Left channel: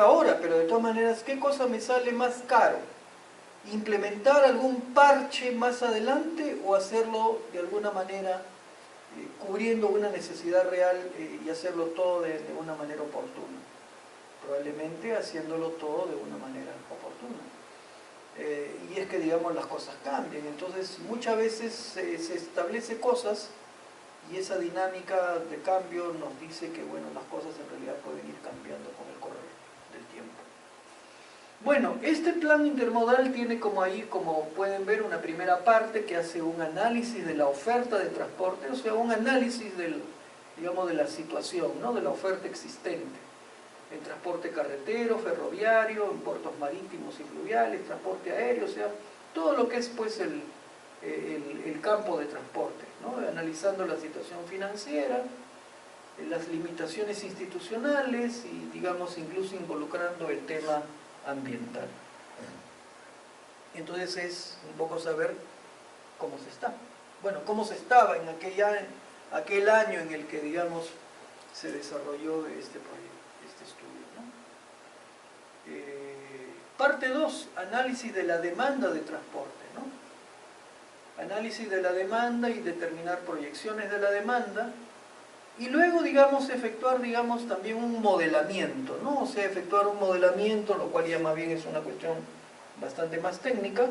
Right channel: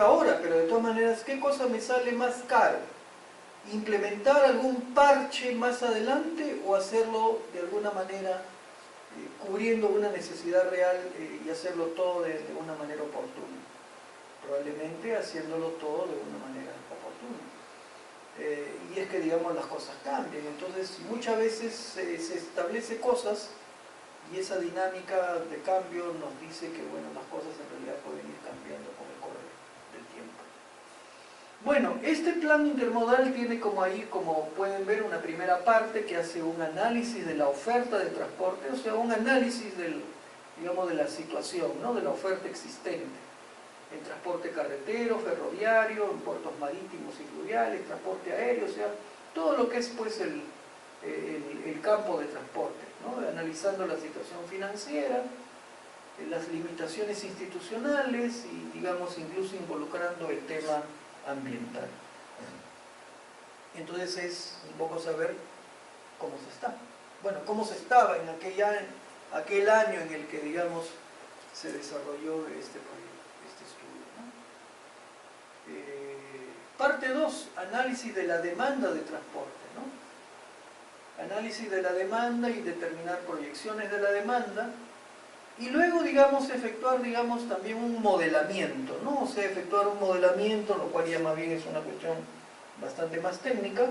haga ahora, pero de todas maneras, ¿qué cosa me sale más caro? ¿Implementar algún parche más adelante o hacerlo de alguna manera cubriendo una necesidad real y hacerlo todo de una manera oportuna? Probablemente haciéndolo todo de una manera oportuna. Y es que, digamos, las cosas cambian. Entonces, muchas veces se establece cosas y esa dinámica de cambio nos dice que, bueno, las cosas en realidad pueden ir cambiando con el correr del tiempo. Bueno, este plan intermodal tiene como pueden ver, una primera parte que hace un análisis de la oferta de transporte, o sea, un análisis digamos, de la situación, ¿no? De la oferta existente en transporte carretero, ferroviario, en puertos marítimos y fluviales, transporte aéreo, o sea, todo lo que es pues el campo de transporte, ¿no? Analizando la situación financiera, las limitaciones institucionales y, digamos, incluso involucrando el tema ambiental. Entonces es un poco saber cómo se está. Bueno, cómo se estaba en aquel año en el que, digamos, se desarrolló este proyecto, este estudio, ¿no? Parte 2, análisis de la demanda de transporte, ¿no? Análisis de la demanda y determinar proyecciones de la demanda. Y luego, digamos, efectuar, digamos, también un modelamiento, ¿no? O sea, efectuar un modelamiento, lo cual ya más bien es una cuestión bastante más técnica,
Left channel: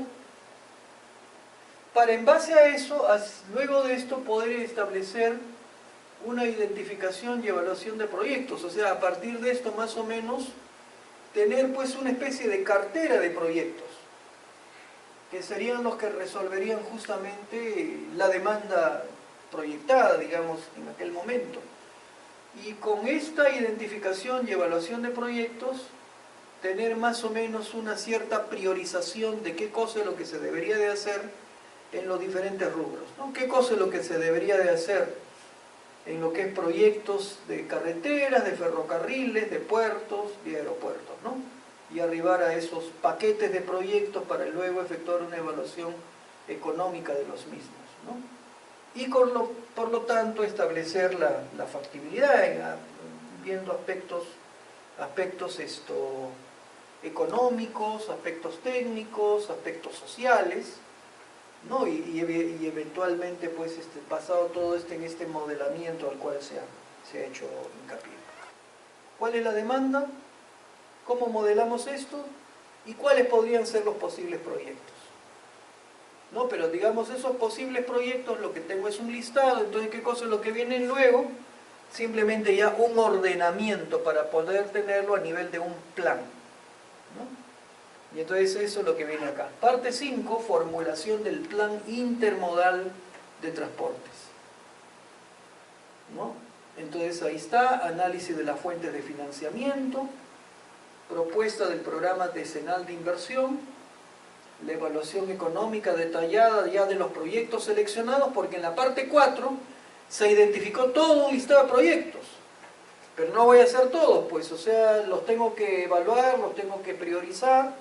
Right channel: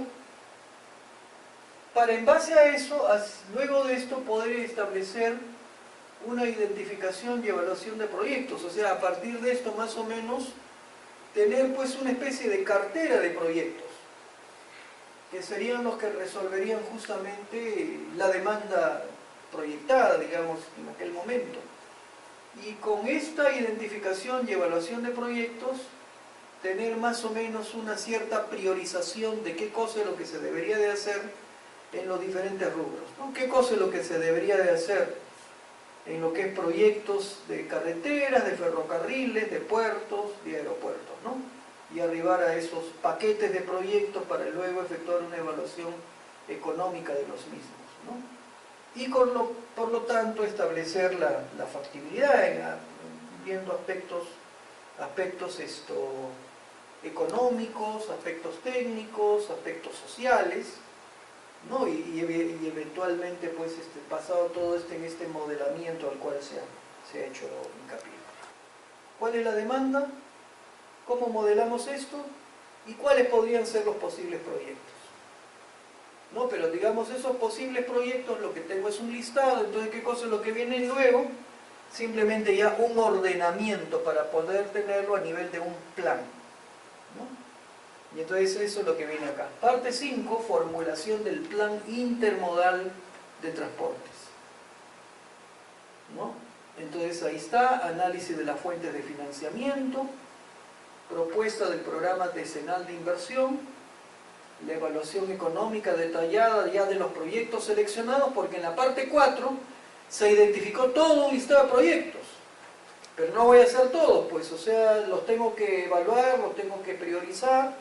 para en base a eso, luego de esto, poder establecer una identificación y evaluación de proyectos. O sea, a partir de esto, más o menos, tener pues una especie de cartera de proyectos, que serían los que resolverían justamente la demanda proyectada, digamos, en aquel momento. Y con esta identificación y evaluación de proyectos, tener más o menos una cierta priorización de qué cosa es lo que se debería de hacer en los diferentes rubros, ¿no? ¿Qué cosa es lo que se debería de hacer en lo que es proyectos de carreteras, de ferrocarriles, de puertos, de aeropuertos, ¿no? Y arribar a esos paquetes de proyectos para luego efectuar una evaluación económica de los mismos, ¿no? Y por lo tanto establecer la factibilidad, viendo aspectos económicos, aspectos técnicos, aspectos sociales, ¿no? Y eventualmente, pues, basado todo en este modelamiento al cual se ha hecho hincapié. ¿Cuál es la demanda? ¿Cómo modelamos esto? ¿Y cuáles podrían ser los posibles proyectos? ¿No? Pero digamos, esos posibles proyectos, lo que tengo es un listado, entonces ¿qué cosa es lo que viene luego? Simplemente ya un ordenamiento para poder tenerlo a nivel de un plan, ¿no? Y entonces eso es lo que viene acá. Parte 5, formulación del plan intermodal de transportes, ¿no? Entonces ahí está, análisis de las fuentes de financiamiento, propuesta del programa decenal de inversión, la evaluación económica detallada ya de los proyectos seleccionados, porque en la parte 4 se identificó todo un listado de proyectos, pero no voy a hacer todos, pues, o sea, los tengo que evaluar, los tengo que priorizar,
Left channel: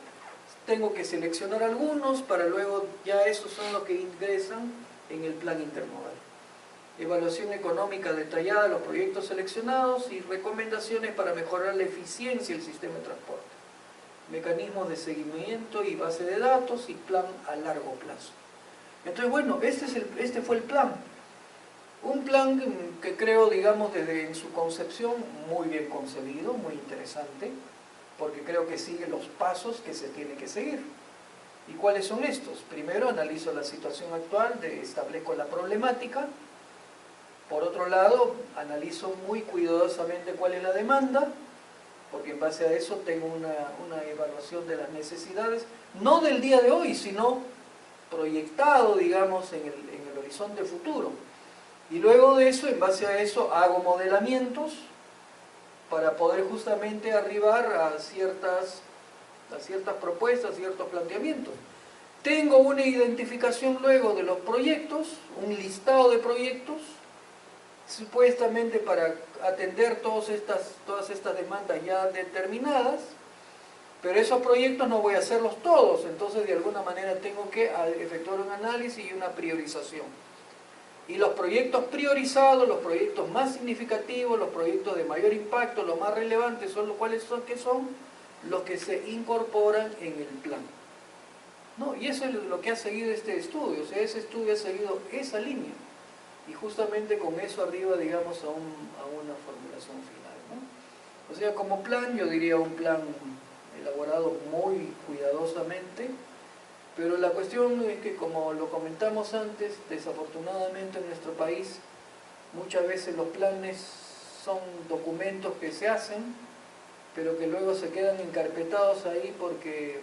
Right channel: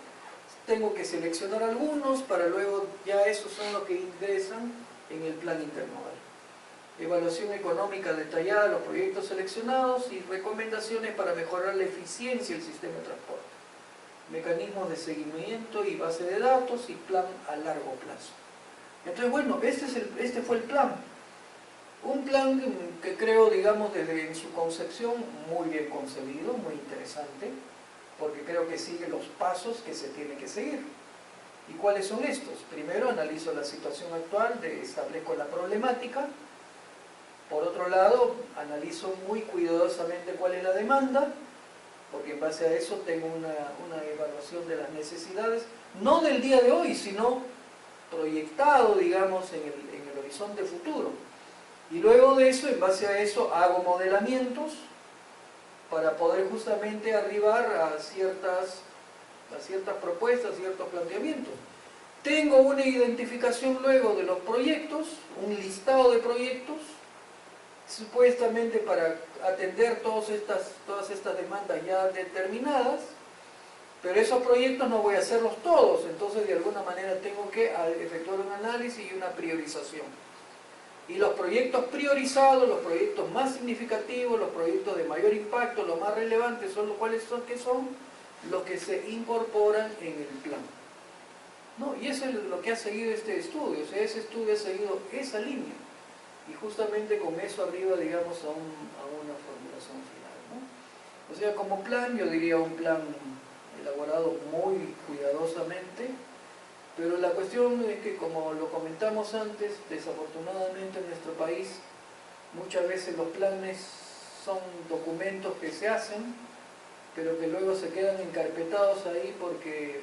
tengo que seleccionar algunos para luego ya esos son los que ingresan en el plan intermodal. Evaluación económica detallada de los proyectos seleccionados y recomendaciones para mejorar la eficiencia del sistema de transporte. Mecanismos de seguimiento y base de datos y plan a largo plazo. Entonces, bueno, este fue el plan. Un plan que creo, digamos, desde su concepción, muy bien concebido, muy interesante, porque creo que sigue los pasos que se tiene que seguir. ¿Y cuáles son estos? Primero, analizo la situación actual, establezco la problemática. Por otro lado, analizo muy cuidadosamente cuál es la demanda, porque en base a eso tengo una evaluación de las necesidades, no del día de hoy, sino proyectado, digamos, en el horizonte futuro. Y luego de eso, en base a eso, hago modelamientos para poder justamente arribar a ciertas propuestas, ciertos planteamientos. Tengo una identificación luego de los proyectos, un listado de proyectos, supuestamente para atender todas estas demandas ya determinadas, pero esos proyectos no voy a hacerlos todos, entonces de alguna manera tengo que efectuar un análisis y una priorización. Y los proyectos priorizados, los proyectos más significativos, los proyectos de mayor impacto, los más relevantes, ¿cuáles son? ¿Qué son? los que se incorporan en el plan. ¿No? Y eso es lo que ha seguido este estudio, o sea, ese estudio ha seguido esa línea. Y justamente con eso arriba, digamos, a una formulación final, ¿no? O sea, como plan, yo diría un plan elaborado muy cuidadosamente, pero la cuestión es que, como lo comentamos antes, desafortunadamente en nuestro país, muchas veces los planes son documentos que se hacen, pero que luego se quedan encarpetados ahí porque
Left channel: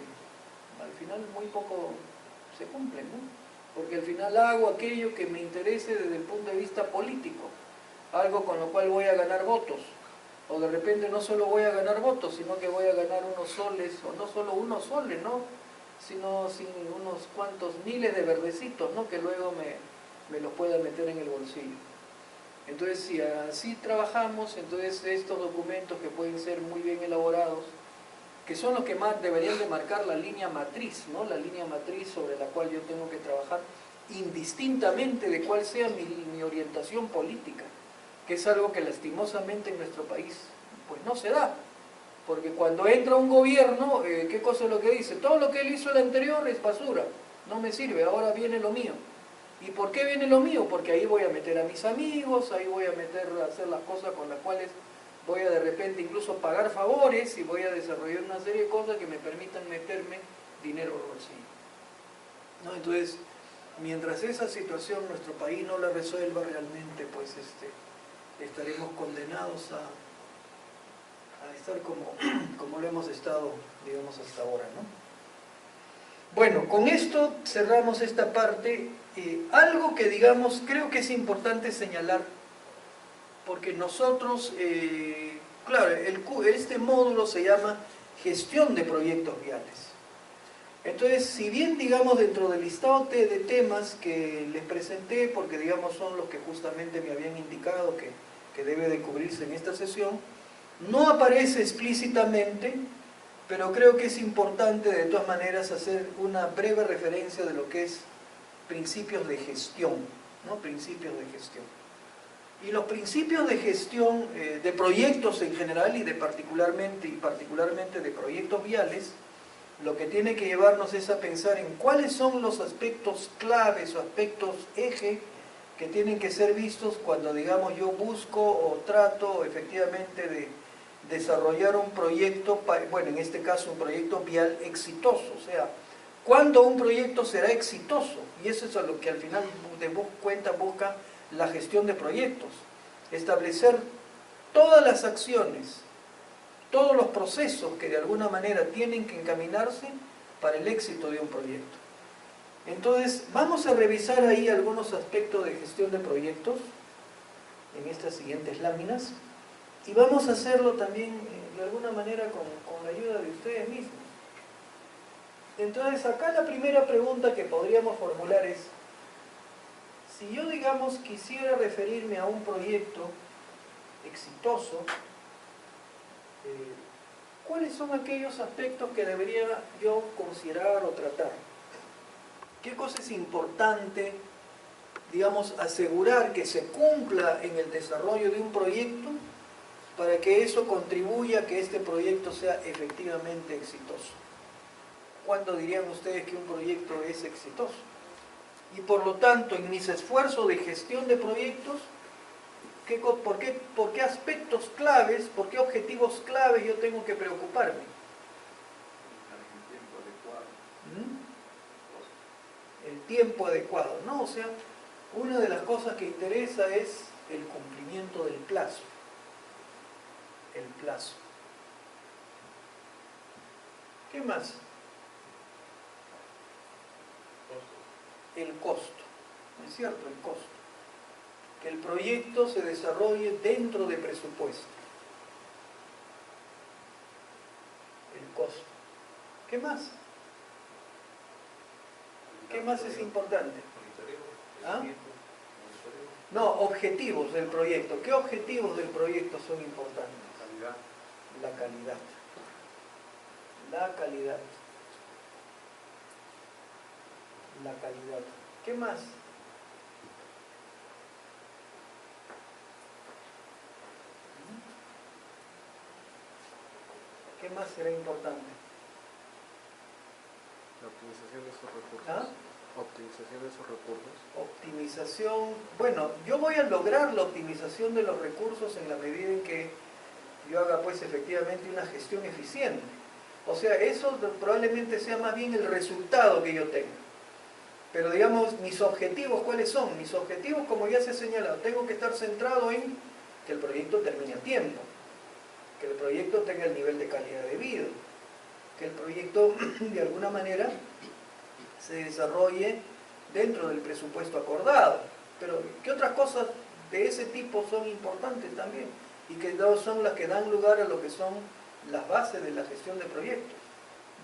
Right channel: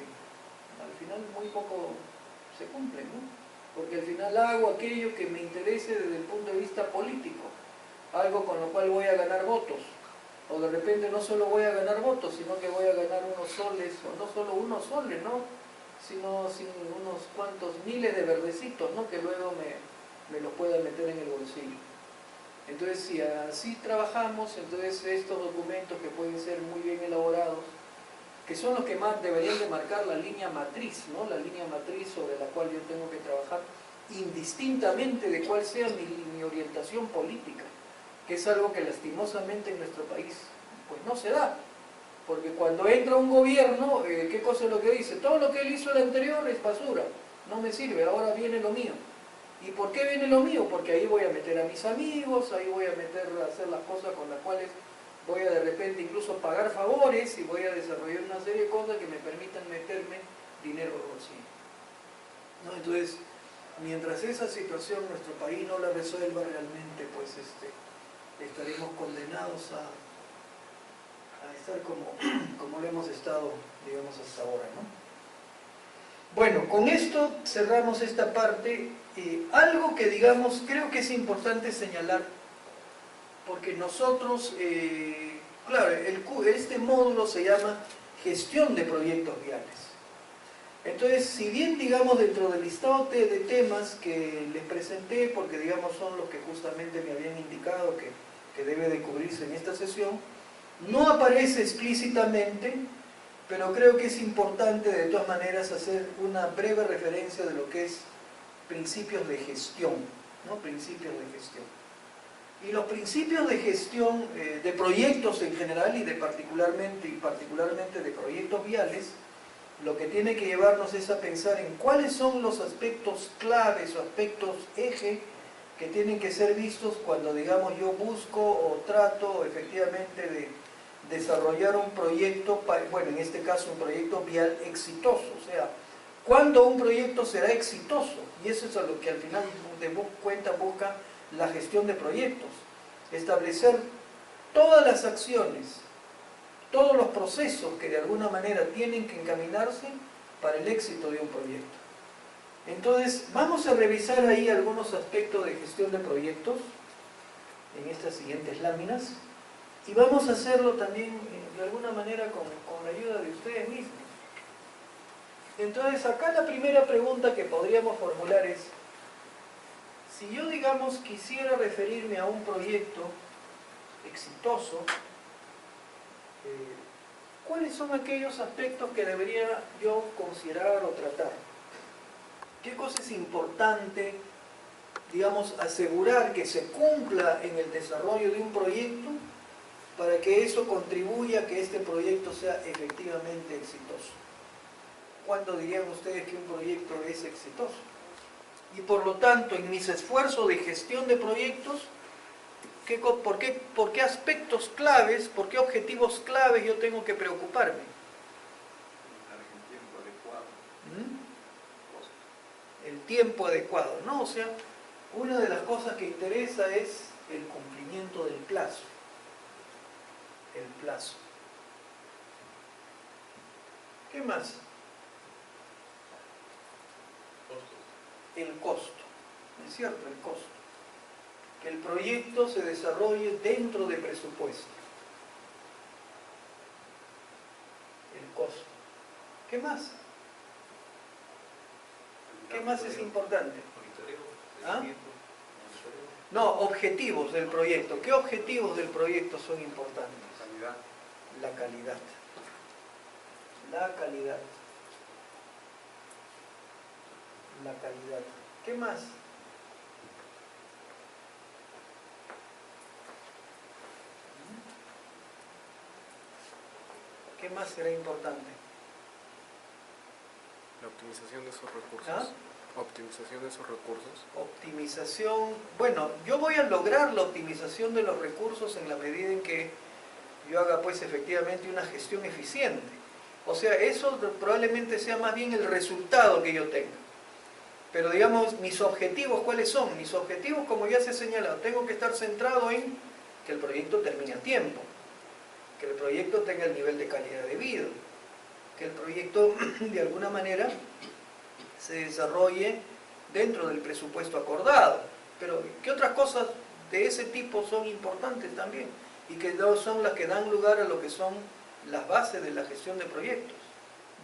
al final muy poco se cumplen, ¿no? Porque al final hago aquello que me interese desde el punto de vista político, algo con lo cual voy a ganar votos, o de repente no solo voy a ganar votos, sino que voy a ganar unos soles, o no solo unos soles, ¿no? Sino unos cuantos miles de verdecitos, ¿no? Que luego me los pueda meter en el bolsillo. Entonces, si así trabajamos, entonces estos documentos que pueden ser muy bien elaborados, que son los que más deberían de marcar la línea matriz, ¿no? La línea matriz sobre la cual yo tengo que trabajar, indistintamente de cuál sea mi orientación política, que es algo que lastimosamente en nuestro país pues no se da, porque cuando entra un gobierno, ¿qué cosa es lo que dice? Todo lo que él hizo el anterior es basura, no me sirve, ahora viene lo mío. ¿Y por qué viene lo mío? Porque ahí voy a meter a mis amigos, ahí voy a meter a hacer las cosas con las cuales voy a de repente incluso pagar favores y voy a desarrollar una serie de cosas que me permitan meterme dinero al bolsillo, ¿no? Entonces, mientras esa situación nuestro país no la resuelva realmente, pues estaremos condenados a estar como lo hemos estado, digamos, hasta ahora, ¿no? Bueno, con esto cerramos esta parte. Algo que, digamos, creo que es importante señalar, porque nosotros, claro, este módulo se llama Gestión de Proyectos Viales. Entonces, si bien, digamos, dentro del listado de temas que les presenté, porque, digamos, son los que justamente me habían indicado que debe de cubrirse en esta sesión, no aparece explícitamente, pero creo que es importante de todas maneras hacer una breve referencia de lo que es principios de gestión, ¿no? Principios de gestión. Y los principios de gestión de proyectos en general y particularmente de proyectos viales, lo que tiene que llevarnos es a pensar en cuáles son los aspectos claves o aspectos eje que tienen que ser vistos cuando, digamos, yo busco o trato efectivamente de desarrollar un proyecto, bueno, en este caso un proyecto vial exitoso. O sea, ¿cuándo un proyecto será exitoso? Y eso es a lo que al final de cuenta busca la gestión de proyectos. Establecer todas las acciones, todos los procesos que de alguna manera tienen que encaminarse para el éxito de un proyecto. Entonces, vamos a revisar ahí algunos aspectos de gestión de proyectos en estas siguientes láminas. Y vamos a hacerlo también de alguna manera con la ayuda de ustedes mismos. Entonces, acá la primera pregunta que podríamos formular es, si yo, digamos, quisiera referirme a un proyecto exitoso, ¿cuáles son aquellos aspectos que debería yo considerar o tratar? ¿Qué cosa es importante, digamos, asegurar que se cumpla en el desarrollo de un proyecto para que eso contribuya a que este proyecto sea efectivamente exitoso? ¿Cuándo dirían ustedes que un proyecto es exitoso? Y por lo tanto, en mis esfuerzos de gestión de proyectos, ¿por qué aspectos claves, por qué objetivos claves yo tengo que preocuparme? El tiempo adecuado. El tiempo adecuado, ¿no? O sea, una de las cosas que interesa es el cumplimiento del plazo. El plazo. ¿Qué más? El costo, ¿no es cierto? El costo. Que el proyecto se desarrolle dentro de presupuesto. El costo. ¿Qué más? ¿Qué más es importante? ¿Ah? No, objetivos del proyecto. ¿Qué objetivos del proyecto son importantes? La calidad. La calidad. La calidad. ¿Qué más? ¿Qué más será importante? La optimización de esos recursos. ¿Ah? Optimización de esos recursos. Optimización, bueno, yo voy a lograr la optimización de los recursos en la medida en que yo haga pues efectivamente una gestión eficiente. O sea, eso probablemente sea más bien el resultado que yo tenga. Pero digamos, mis objetivos, ¿cuáles son? Mis objetivos, como ya se ha señalado, tengo que estar centrado en que el proyecto termine a tiempo, que el proyecto tenga el nivel de calidad debido, que el proyecto de alguna manera se desarrolle dentro del presupuesto acordado. Pero ¿qué otras cosas de ese tipo son importantes también? Y que son las que dan lugar a lo que son las bases de la gestión de proyectos.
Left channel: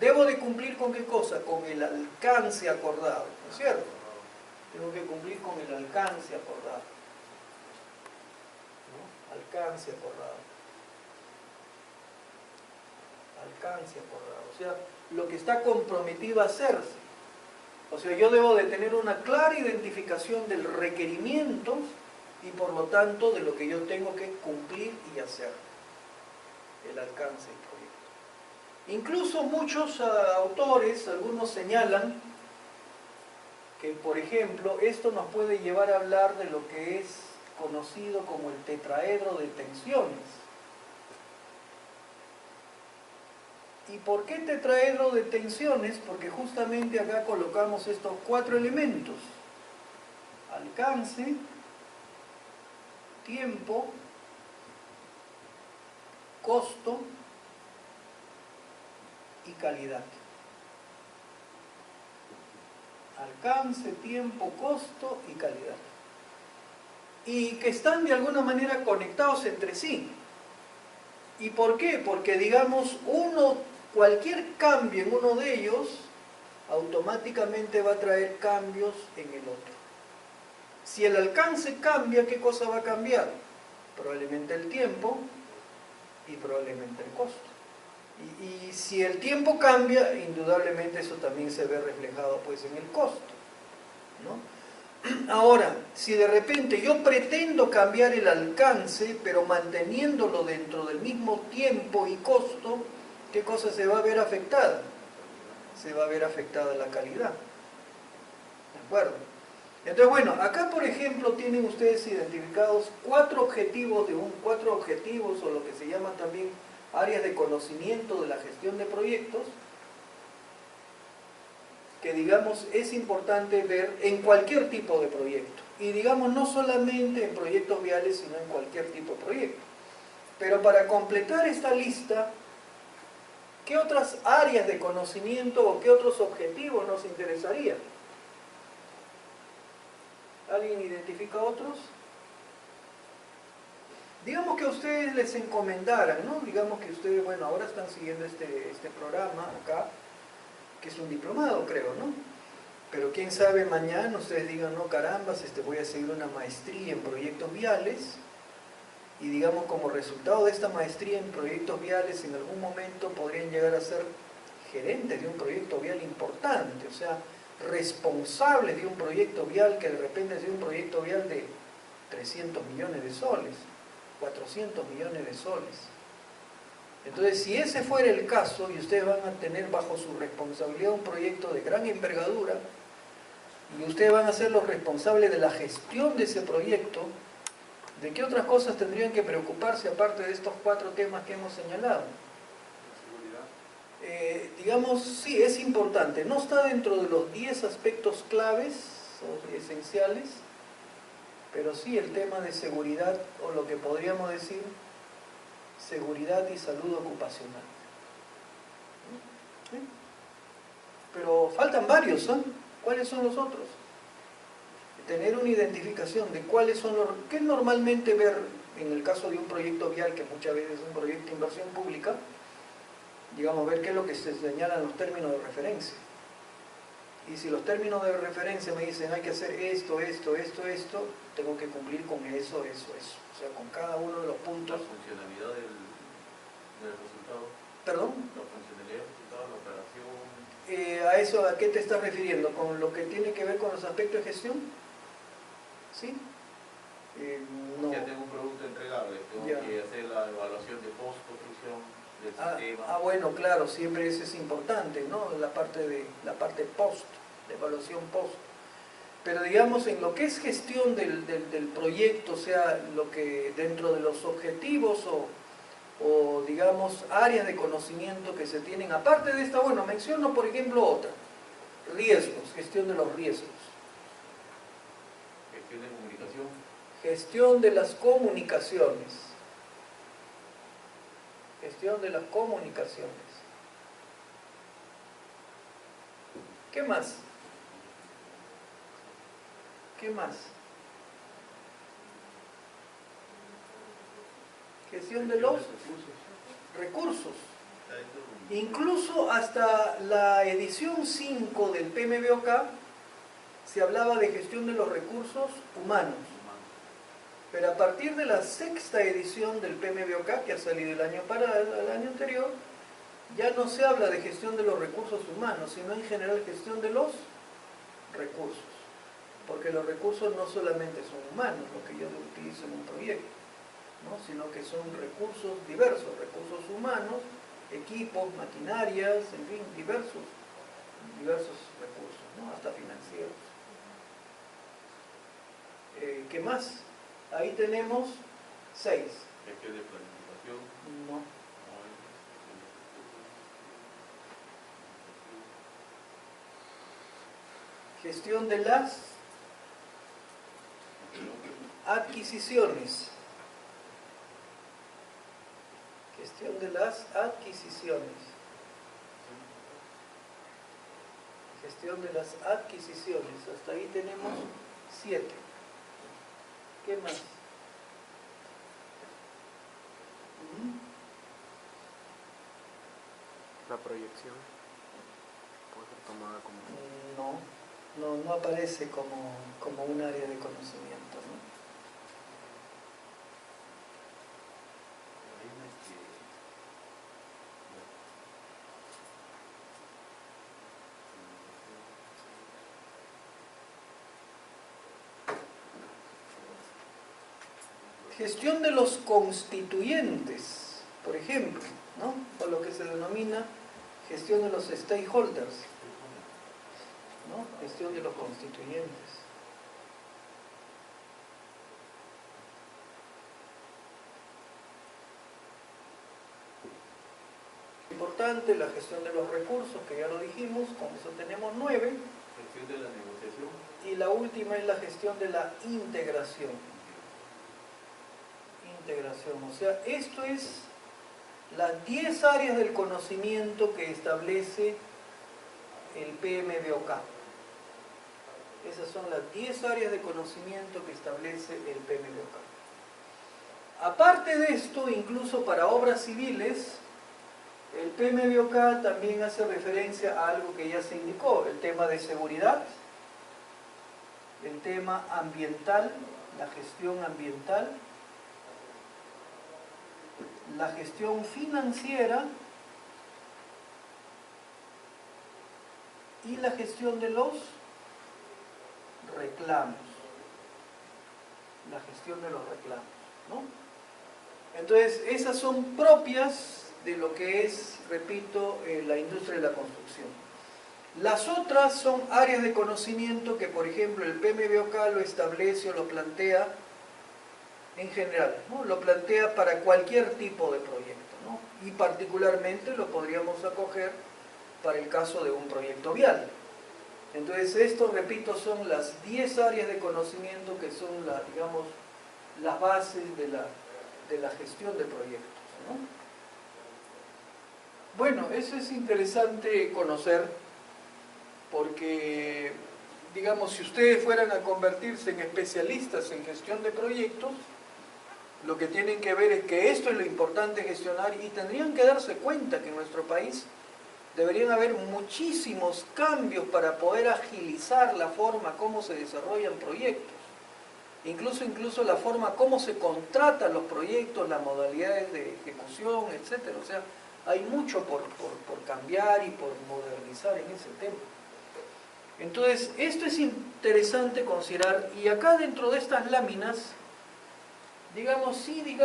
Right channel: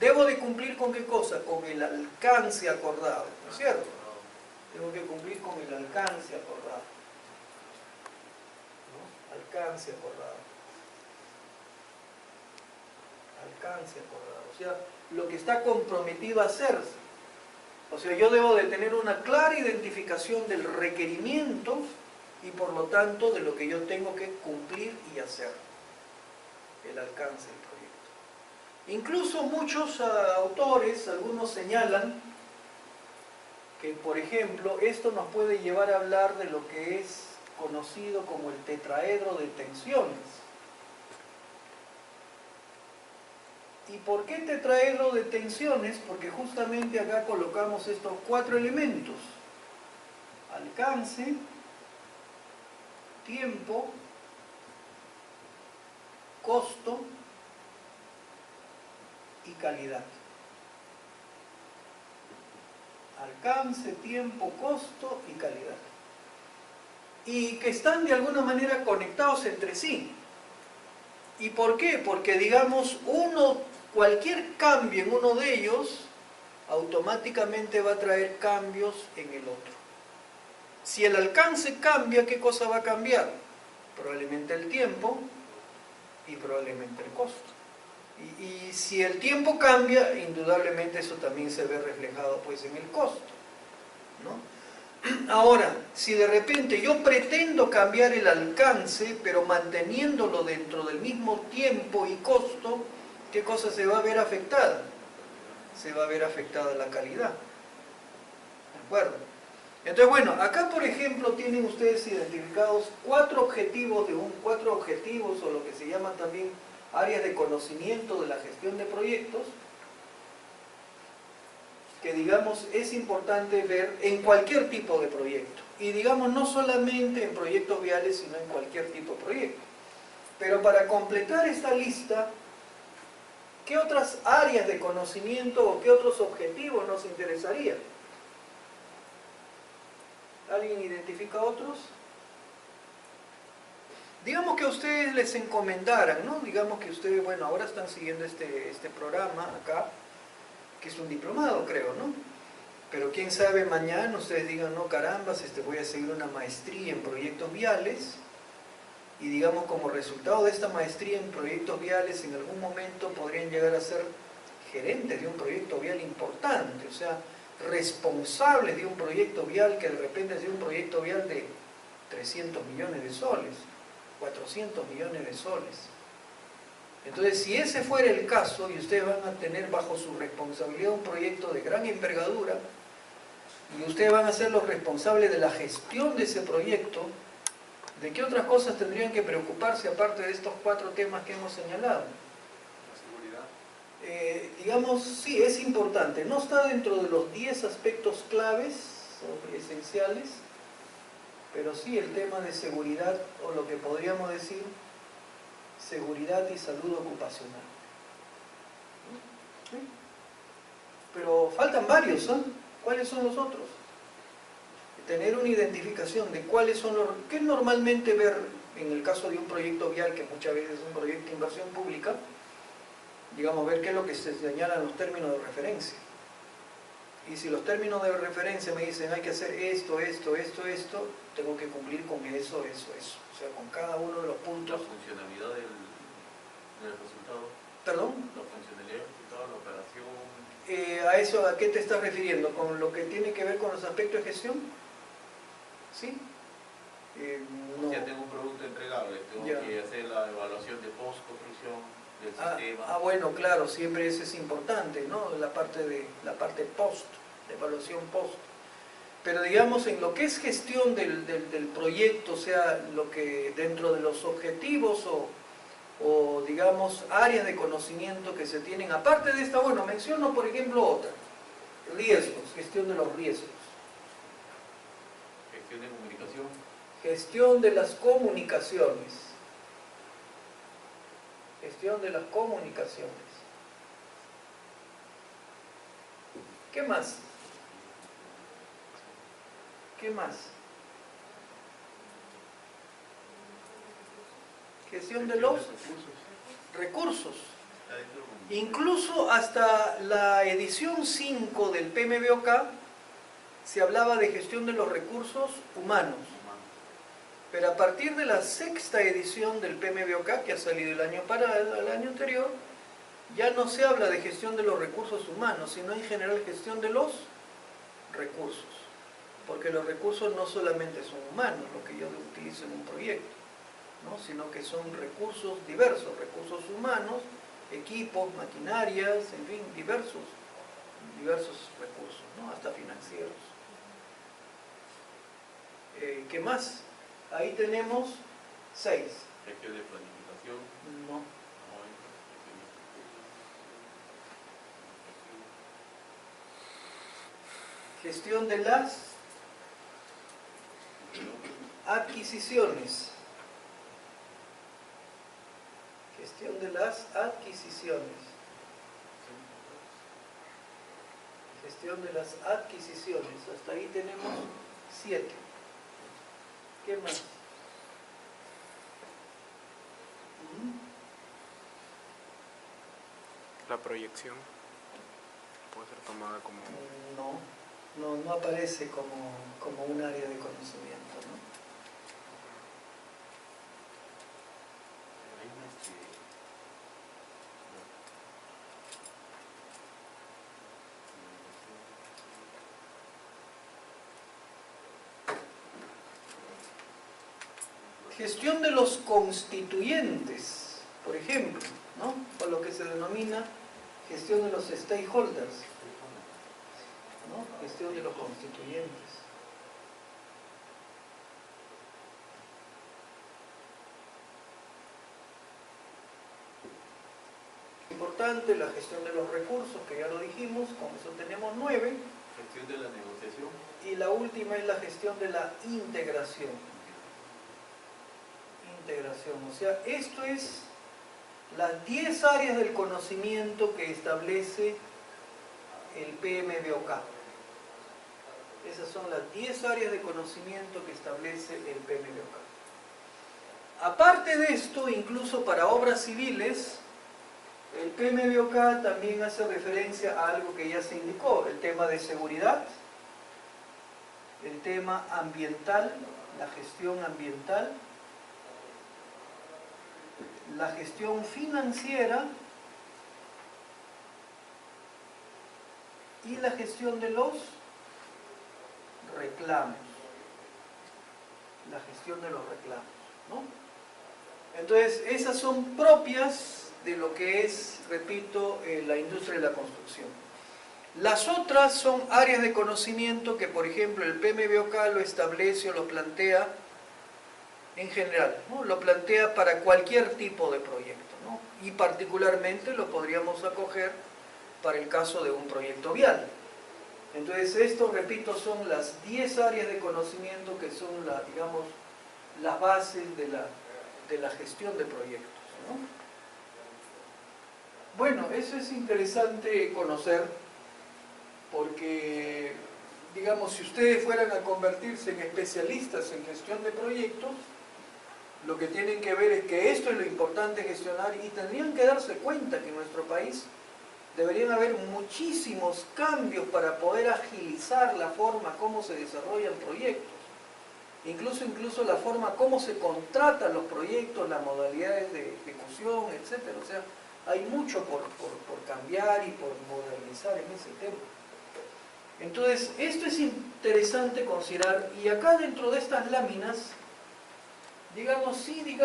Debo de cumplir con qué cosa, con el alcance acordado, ¿no es cierto? Tengo que cumplir con el alcance acordado, ¿no? Alcance acordado. Alcance acordado, o sea, lo que está comprometido a hacerse. O sea, yo debo de tener una clara identificación del requerimiento y por lo tanto de lo que yo tengo que cumplir y hacer. El alcance del proyecto. Incluso muchos autores, algunos señalan que, por ejemplo, esto nos puede llevar a hablar de lo que es conocido como el tetraedro de tensiones. ¿Y por qué tetraedro de tensiones? Porque justamente acá colocamos estos 4 elementos: alcance, tiempo, costo y calidad. Alcance, tiempo, costo y calidad. Y que están de alguna manera conectados entre sí. ¿Y por qué? Porque digamos, cualquier cambio en uno de ellos automáticamente va a traer cambios en el otro. Si el alcance cambia, ¿qué cosa va a cambiar? Probablemente el tiempo y probablemente el costo. Y si el tiempo cambia, indudablemente eso también se ve reflejado pues en el costo, ¿no? Ahora, si de repente yo pretendo cambiar el alcance, pero manteniéndolo dentro del mismo tiempo y costo, ¿qué cosa se va a ver afectada? Se va a ver afectada la calidad. ¿De acuerdo? Entonces, bueno, acá por ejemplo tienen ustedes identificados 4 objetivos o lo que se llama también áreas de conocimiento de la gestión de proyectos, que digamos es importante ver en cualquier tipo de proyecto. Y digamos no solamente en proyectos viales, sino en cualquier tipo de proyecto. Pero para completar esta lista, ¿qué otras áreas de conocimiento o qué otros objetivos nos interesaría? ¿Alguien identifica otros? Digamos que a ustedes les encomendaran, ¿no? Digamos que ustedes, bueno, ahora están siguiendo este programa acá, que es un diplomado, creo, ¿no? Pero quién sabe, mañana ustedes digan, no, carambas, voy a seguir una maestría en proyectos viales, y digamos, como resultado de esta maestría en proyectos viales, en algún momento podrían llegar a ser gerentes de un proyecto vial importante, o sea, responsables de un proyecto vial que de repente es de un proyecto vial de 300 millones de soles. 400 millones de soles. Entonces, si ese fuera el caso, y ustedes van a tener bajo su responsabilidad un proyecto de gran envergadura, y ustedes van a ser los responsables de la gestión de ese proyecto, ¿de qué otras cosas tendrían que preocuparse aparte de estos 4 temas que hemos señalado? La seguridad. Digamos, sí, es importante. No está dentro de los 10 aspectos claves o esenciales, pero sí el tema de seguridad, o lo que podríamos decir, seguridad y salud ocupacional. ¿Sí? Pero faltan varios, ¿eh? ¿Cuáles son los otros? Tener una identificación de cuáles son los... ¿Qué normalmente ver en el caso de un proyecto vial, que muchas veces es un proyecto de inversión pública? Digamos, ver qué es lo que se señalan los términos de referencia. Y si los términos de referencia me dicen hay que hacer esto, tengo que cumplir con eso. O sea, con cada uno de los puntos. La funcionalidad del resultado. ¿Perdón? La funcionalidad del resultado, la operación. ¿A eso a qué te estás refiriendo? ¿Con lo que tiene que ver con los aspectos de gestión? ¿Sí? No. Ya tengo un producto entregable, tengo Ya. que hacer la evaluación de post-construcción, del sistema. Bueno, claro, siempre eso es importante, ¿no? La parte post, de evaluación post. Pero digamos, en lo que es gestión del proyecto, o sea, lo que dentro de los objetivos o digamos, áreas de conocimiento que se tienen, aparte de esta, bueno, menciono por ejemplo otra, riesgos, gestión de los riesgos. Gestión de comunicación. Gestión de las comunicaciones. Gestión de las comunicaciones. ¿Qué más? ¿Qué más? Gestión de los recursos. Incluso hasta la edición 5 del PMBOK se hablaba de gestión de los recursos humanos. Pero a partir de la 6ª edición del PMBOK, que ha salido el año anterior, ya no se habla de gestión de los recursos humanos, sino en general gestión de los recursos. Porque los recursos no solamente son humanos, lo que yo utilizo en un proyecto, ¿no? Sino que son recursos diversos, recursos humanos, equipos, maquinarias, en fin, diversos recursos, ¿no? Hasta financieros. ¿Qué más? Ahí tenemos 6. Gestión de planificación. No. Gestión de las adquisiciones. Gestión de las adquisiciones. Gestión de las adquisiciones. Hasta ahí tenemos 7. ¿Qué más? La proyección puede ser tomada como... No aparece como un área de conocimiento, ¿no? Hay una Gestión de los constituyentes, por ejemplo, ¿no? O lo que se denomina gestión de los stakeholders, ¿no? Gestión de los constituyentes. Importante, la gestión de los recursos, que ya lo dijimos, con eso tenemos 9. gestión de la negociación. Y la última es la gestión de la integración. O sea, esto es las 10 áreas del conocimiento que establece el PMBOK. Esas son las 10 áreas de conocimiento que establece el PMBOK. Aparte de esto, incluso para obras civiles, el PMBOK también hace referencia a algo que ya se indicó, el tema de seguridad, el tema ambiental, la gestión ambiental, la gestión financiera y la gestión de los reclamos. La gestión de los reclamos, ¿no? Entonces, esas son propias de lo que es, repito, la industria de la construcción. Las otras son áreas de conocimiento que, por ejemplo, el PMBOK lo establece o lo plantea en general, ¿no? Lo plantea para cualquier tipo de proyecto, ¿no? Y particularmente lo podríamos acoger para el caso de un proyecto vial. Entonces, esto, repito, son las 10 áreas de conocimiento que son, digamos, las bases de la gestión de proyectos, ¿no? Bueno, eso es interesante conocer porque, digamos, si ustedes fueran a convertirse en especialistas en gestión de proyectos, lo que tienen que ver es que esto es lo importante gestionar y tendrían que darse cuenta que en nuestro país deberían haber muchísimos cambios para poder agilizar la forma como se desarrollan proyectos. Incluso la forma como se contratan los proyectos, las modalidades de ejecución, etc. O sea, hay mucho por cambiar y por modernizar en ese tema. Entonces, esto es interesante considerar, y acá dentro de estas láminas digamos, sí,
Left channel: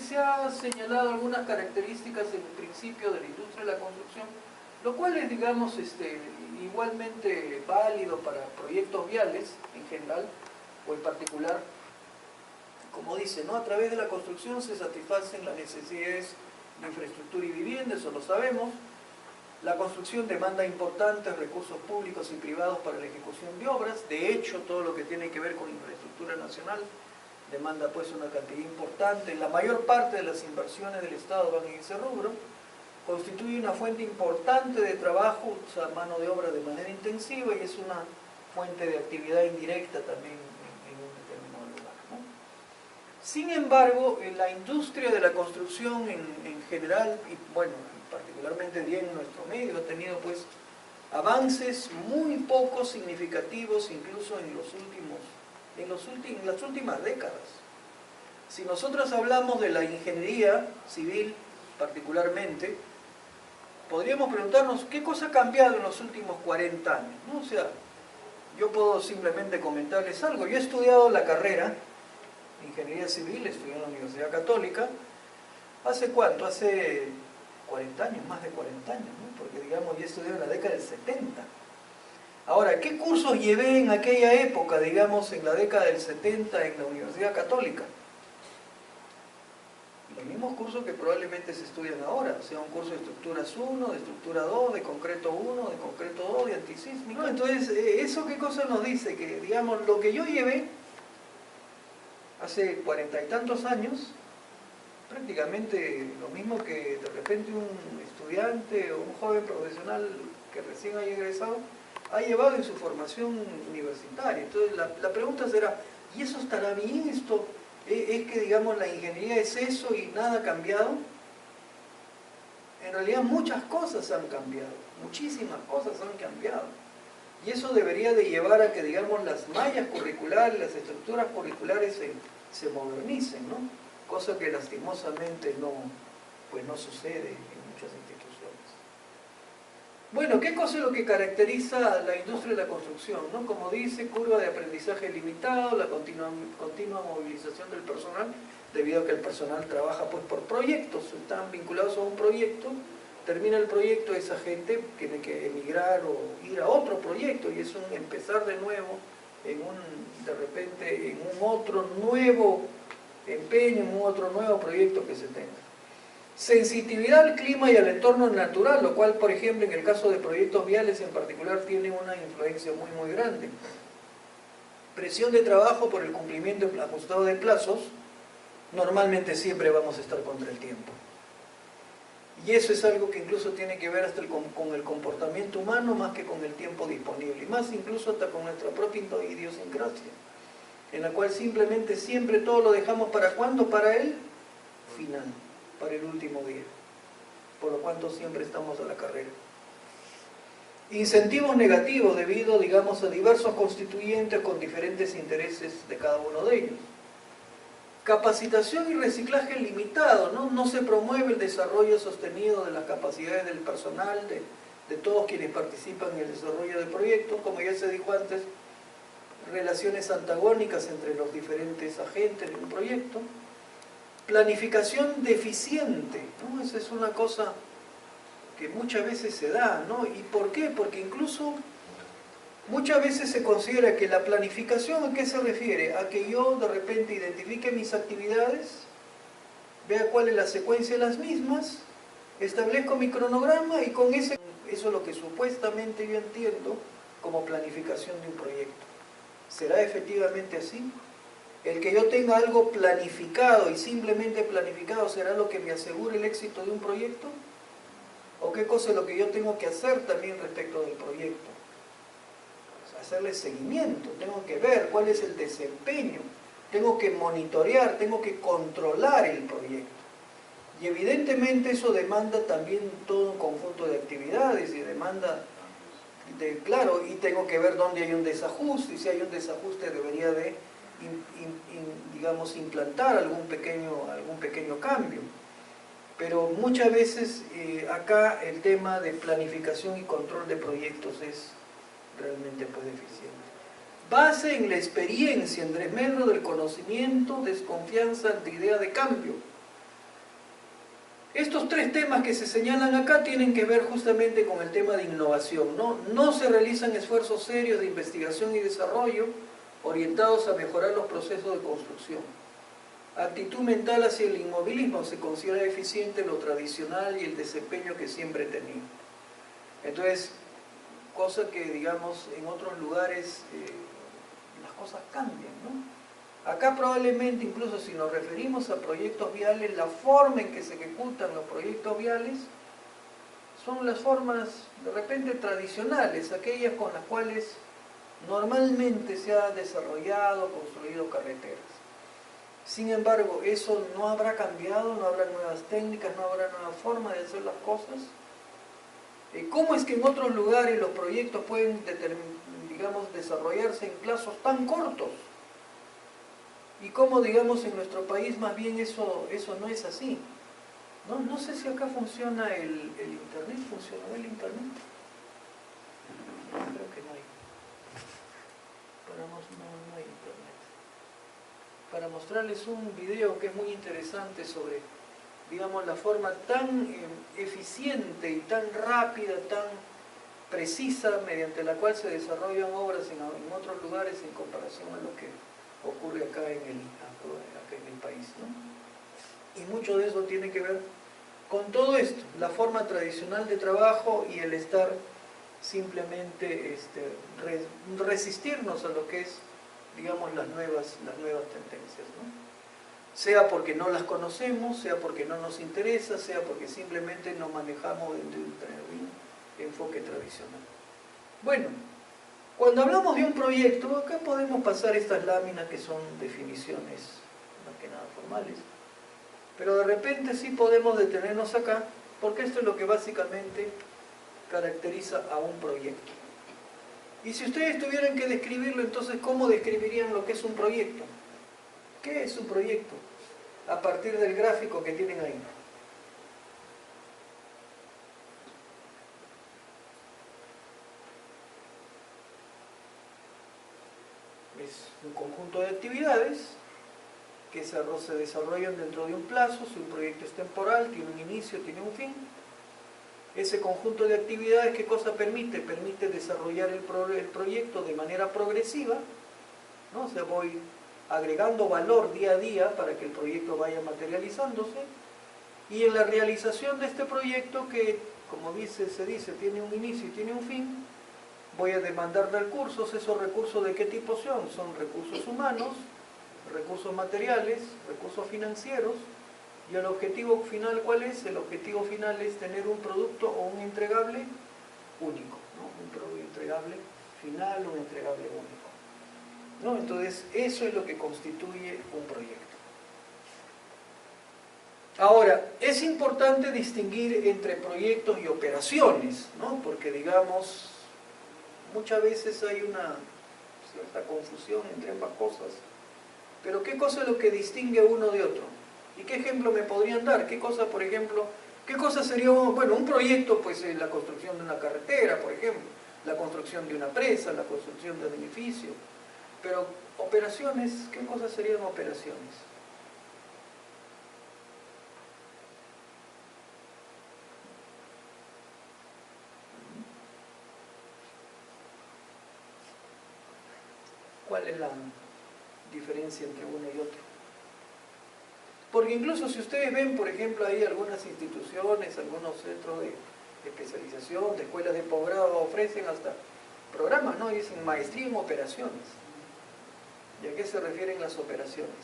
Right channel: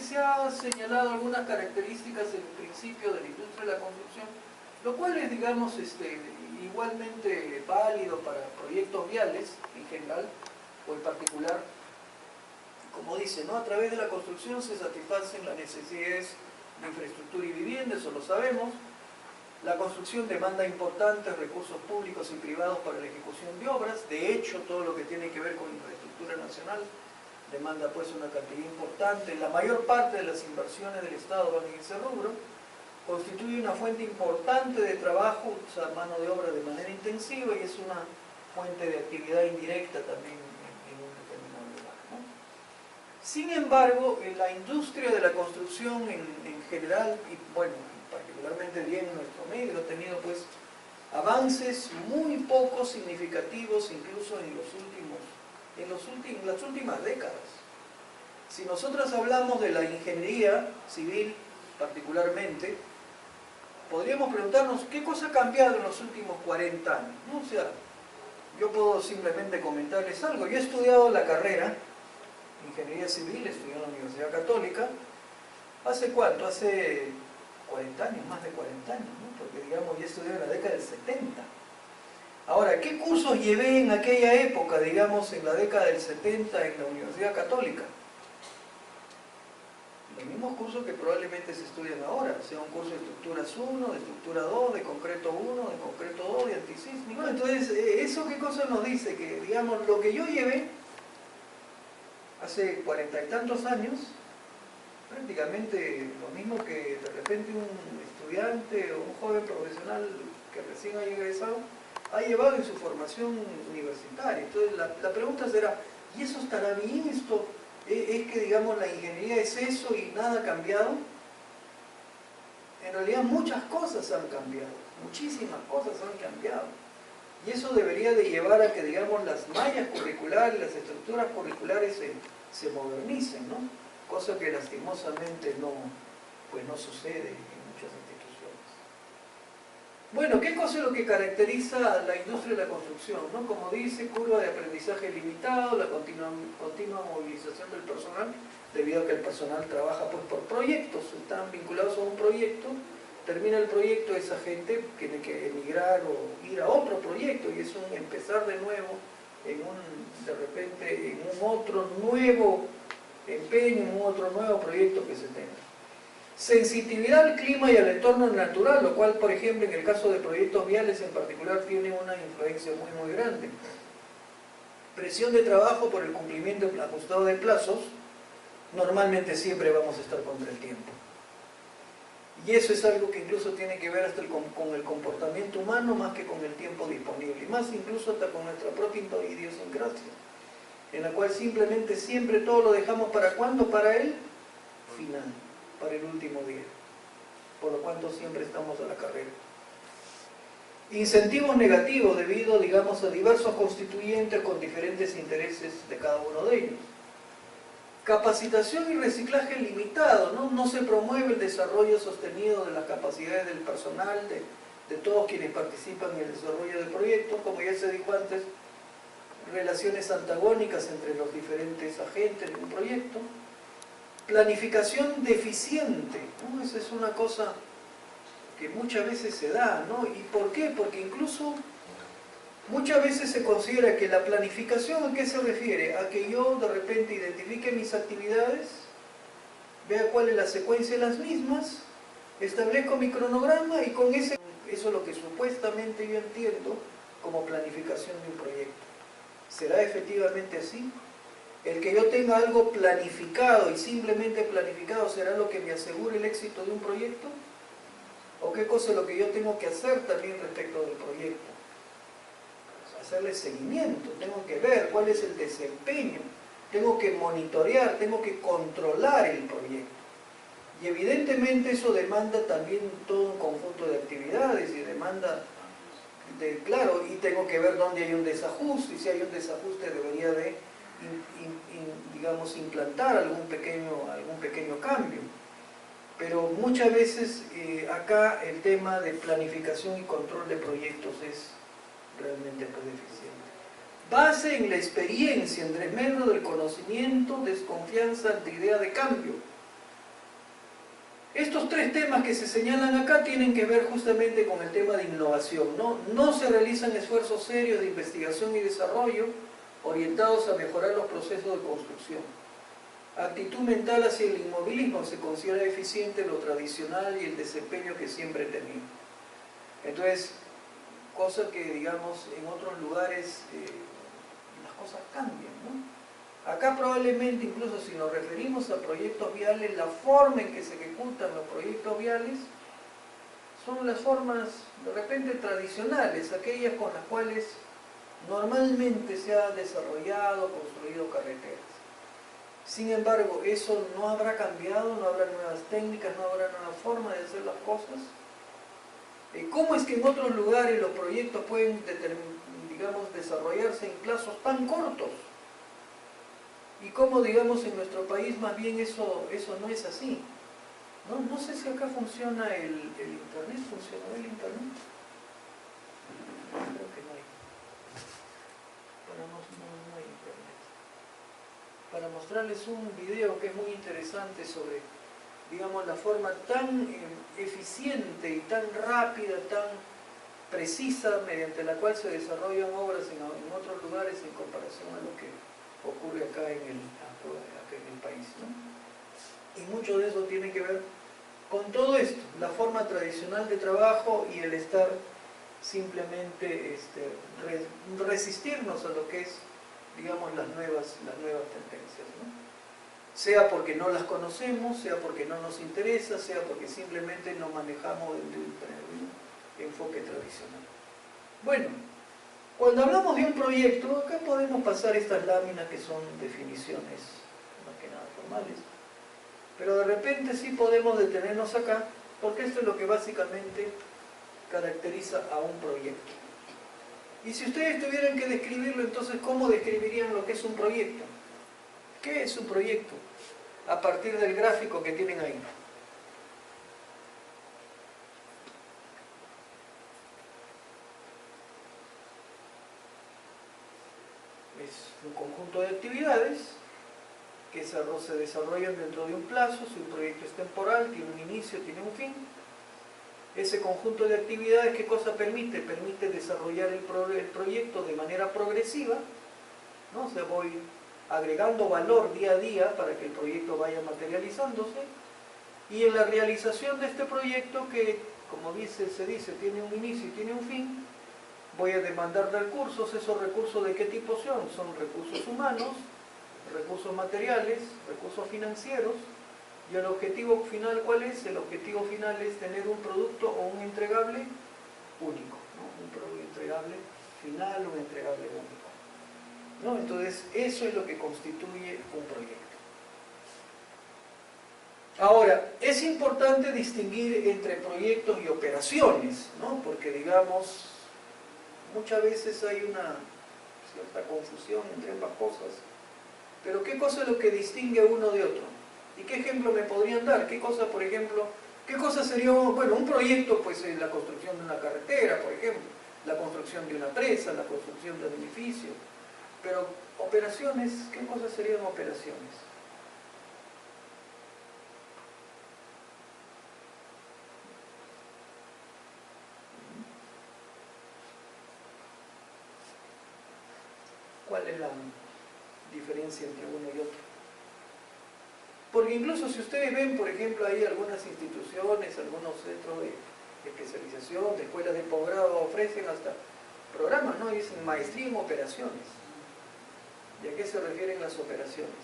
se ha señalado algunas características en el principio de la industria de la construcción, lo cual es, digamos, igualmente válido para proyectos viales en general o en particular. Como dice, ¿no? A través de la construcción se satisfacen las necesidades de infraestructura y vivienda, eso lo sabemos. La construcción demanda importantes recursos públicos y privados para la ejecución de obras. De hecho, todo lo que tiene que ver con infraestructura nacional demanda pues una cantidad importante. La mayor parte de las inversiones del Estado van en ese rubro. Constituye una fuente importante de trabajo, usa mano de obra de manera intensiva y es una fuente de actividad indirecta también en un determinado lugar, ¿no? Sin embargo, la industria de la construcción en general, y bueno, particularmente bien en nuestro medio, ha tenido pues avances muy poco significativos incluso en las últimas décadas. Si nosotros hablamos de la ingeniería civil particularmente, podríamos preguntarnos qué cosa ha cambiado en los últimos 40 años, ¿no? O sea, yo puedo simplemente comentarles algo. Yo he estudiado la carrera Ingeniería Civil, estudié en la Universidad Católica. ¿Hace cuánto? Hace 40 años, más de 40 años, ¿no? Porque digamos, yo estudié en la década del 70. Ahora, ¿qué cursos llevé en aquella época, digamos, en la década del 70 en la Universidad Católica? Los mismos cursos que probablemente se estudian ahora, o sea, un curso de estructuras 1, de estructura 2, de concreto 1, de concreto 2, de antisísmico. Entonces, ¿eso qué cosa nos dice? Que, digamos, lo que yo llevé hace 40 y tantos años, prácticamente lo mismo que de repente un estudiante o un joven profesional que recién ha egresado ha llevado en su formación universitaria. Entonces la pregunta será, ¿y eso estará bien? ¿Esto es que, digamos, la ingeniería es eso y nada ha cambiado? En realidad muchas cosas han cambiado, muchísimas cosas han cambiado. Y eso debería de llevar a que, digamos, las mallas curriculares, las estructuras curriculares se modernicen, ¿no? Cosa que lastimosamente no sucede en muchas instituciones. Bueno, ¿qué cosa es lo que caracteriza a la industria de la construcción, ¿no? Como dice, curva de aprendizaje limitado, la continua movilización del personal, debido a que el personal trabaja pues por proyectos, están vinculados a un proyecto, termina el proyecto, esa gente tiene que emigrar o ir a otro proyecto y es un empezar de nuevo de repente en un otro nuevo empeño, en un otro nuevo proyecto que se tenga. Sensitividad al clima y al entorno natural, lo cual, por ejemplo, en el caso de proyectos viales en particular, tiene una influencia muy grande. Presión de trabajo por el cumplimiento ajustado de plazos, normalmente siempre vamos a estar contra el tiempo. Y eso es algo que incluso tiene que ver hasta con el comportamiento humano más que con el tiempo disponible, y más incluso hasta con nuestra propia idiosincrasia, en la cual simplemente siempre todo lo dejamos ¿para cuándo? Para el final, para el último día, por lo cual siempre estamos a la carrera. Incentivos negativos debido, digamos, a diversos constituyentes con diferentes intereses de cada uno de ellos. Capacitación y reciclaje limitado, ¿no? No se promueve el desarrollo sostenido de las capacidades del personal, de todos quienes participan en el desarrollo del proyecto, como ya se dijo antes, relaciones antagónicas entre los diferentes agentes de un proyecto. Planificación deficiente, ¿no? Esa es una cosa que muchas veces se da, ¿no? ¿Y por qué? Porque incluso muchas veces se considera que la planificación, ¿a qué se refiere? A que yo de repente identifique mis actividades, vea cuál es la secuencia de las mismas, establezco mi cronograma y con eso es lo que supuestamente yo entiendo como planificación de un proyecto. ¿Será efectivamente así? El que yo tenga algo planificado y simplemente planificado, ¿será lo que me asegure el éxito de un proyecto? ¿O qué cosa es lo que yo tengo que hacer también respecto del proyecto? Hacerle seguimiento, tengo que ver cuál es el desempeño, tengo que monitorear, tengo que controlar el proyecto. Y evidentemente eso demanda también todo un conjunto de actividades y demanda, claro, y tengo que ver dónde hay un desajuste, y si hay un desajuste debería de, digamos, implantar algún pequeño cambio. Pero muchas veces acá el tema de planificación y control de proyectos es realmente pues deficiente. Base en la experiencia, en desmedro del conocimiento, desconfianza ante idea de cambio. Estos tres temas que se señalan acá tienen que ver justamente con el tema de innovación, ¿no? No se realizan esfuerzos serios de investigación y desarrollo orientados a mejorar los procesos de construcción. Actitud mental hacia el inmovilismo, se considera eficiente lo tradicional y el desempeño que siempre he tenido. Entonces, cosa que digamos en otros lugares las cosas cambian, ¿no? Acá probablemente, incluso si nos referimos a proyectos viales, la forma en que se ejecutan los proyectos viales son las formas de repente tradicionales, aquellas con las cuales normalmente se ha desarrollado, construido carreteras. Sin embargo, eso no habrá cambiado, no habrá nuevas técnicas, no habrá nueva forma de hacer las cosas. ¿Cómo es que en otros lugares los proyectos pueden, digamos, desarrollarse en plazos tan cortos? Y cómo, digamos, en nuestro país más bien eso no es así. No sé si acá funciona el internet. ¿Funcionó el internet? Creo que no hay. No hay internet. Para mostrarles un video que es muy interesante sobre, digamos, la forma tan eficiente y tan rápida, tan precisa, mediante la cual se desarrollan obras en otros lugares en comparación a lo que ocurre acá en el país, ¿no? Y mucho de eso tiene que ver con todo esto, la forma tradicional de trabajo y el estar simplemente resistirnos a lo que es, digamos, las nuevas tendencias, ¿no? Sea porque no las conocemos, sea porque no nos interesa, sea porque simplemente no manejamos de un enfoque tradicional. Bueno, cuando hablamos de un proyecto, acá podemos pasar estas láminas que son definiciones más que nada formales, pero de repente sí podemos detenernos acá, porque esto es lo que básicamente caracteriza a un proyecto. Y si ustedes tuvieran que describirlo, entonces, ¿cómo describirían lo que es un proyecto? ¿Qué es un proyecto? A partir del gráfico que tienen ahí. Es un conjunto de actividades que se desarrollan dentro de un plazo. Si un proyecto es temporal, tiene un inicio, tiene un fin. Ese conjunto de actividades, ¿qué cosa permite? Permite desarrollar el proyecto de manera progresiva, ¿no? O sea, voy agregando valor día a día para que el proyecto vaya materializándose, y en la realización de este proyecto, que como se dice, tiene un inicio y tiene un fin, voy a demandar recursos. ¿Esos recursos de qué tipo son? Son recursos humanos, recursos materiales, recursos financieros. ¿Y el objetivo final cuál es? El objetivo final es tener un producto o un entregable único, ¿no? Un producto entregable final, un entregable único, ¿no? Entonces, eso es lo que constituye un proyecto. Ahora, es importante distinguir entre proyectos y operaciones, ¿no? Porque, digamos, muchas veces hay una cierta confusión entre ambas cosas. Pero ¿qué cosa es lo que distingue a uno de otro? ¿Y qué ejemplo me podrían dar? ¿Qué cosa, por ejemplo, qué cosa sería, bueno, un proyecto? Pues la construcción de una carretera, por ejemplo, la construcción de una presa, la construcción de un edificio. Pero operaciones, ¿qué cosas serían operaciones? ¿Cuál es la diferencia entre uno y otro? Porque incluso si ustedes ven, por ejemplo, hay algunas instituciones, algunos centros de especialización, de escuelas de posgrado, ofrecen hasta programas, ¿no? Dicen maestría en operaciones. ¿Y a qué se refieren las operaciones?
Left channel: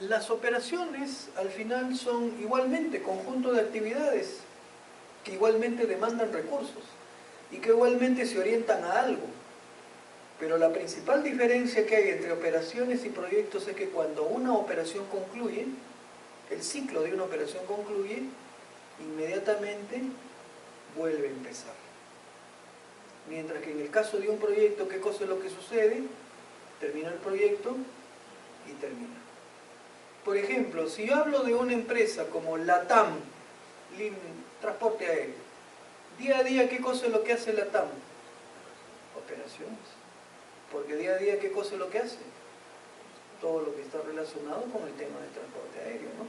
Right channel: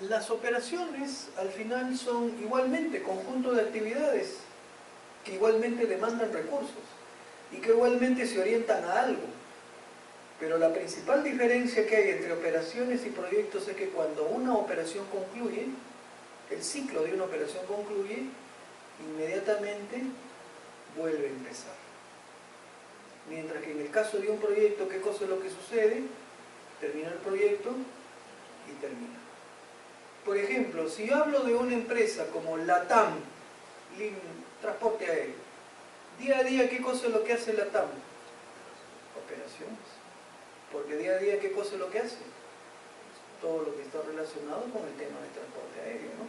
Las operaciones al final son igualmente conjunto de actividades que igualmente demandan recursos y que igualmente se orientan a algo. Pero la principal diferencia que hay entre operaciones y proyectos es que cuando una operación concluye, el ciclo de una operación concluye, inmediatamente vuelve a empezar. Mientras que en el caso de un proyecto, ¿qué cosa es lo que sucede? Termina el proyecto y termina. Por ejemplo, si yo hablo de una empresa como LATAM, transporte aéreo, día a día, ¿qué cosa es lo que hace LATAM? Operaciones. Porque día a día, ¿qué cosa es lo que hace? Todo lo que está relacionado con el tema del transporte aéreo, ¿no?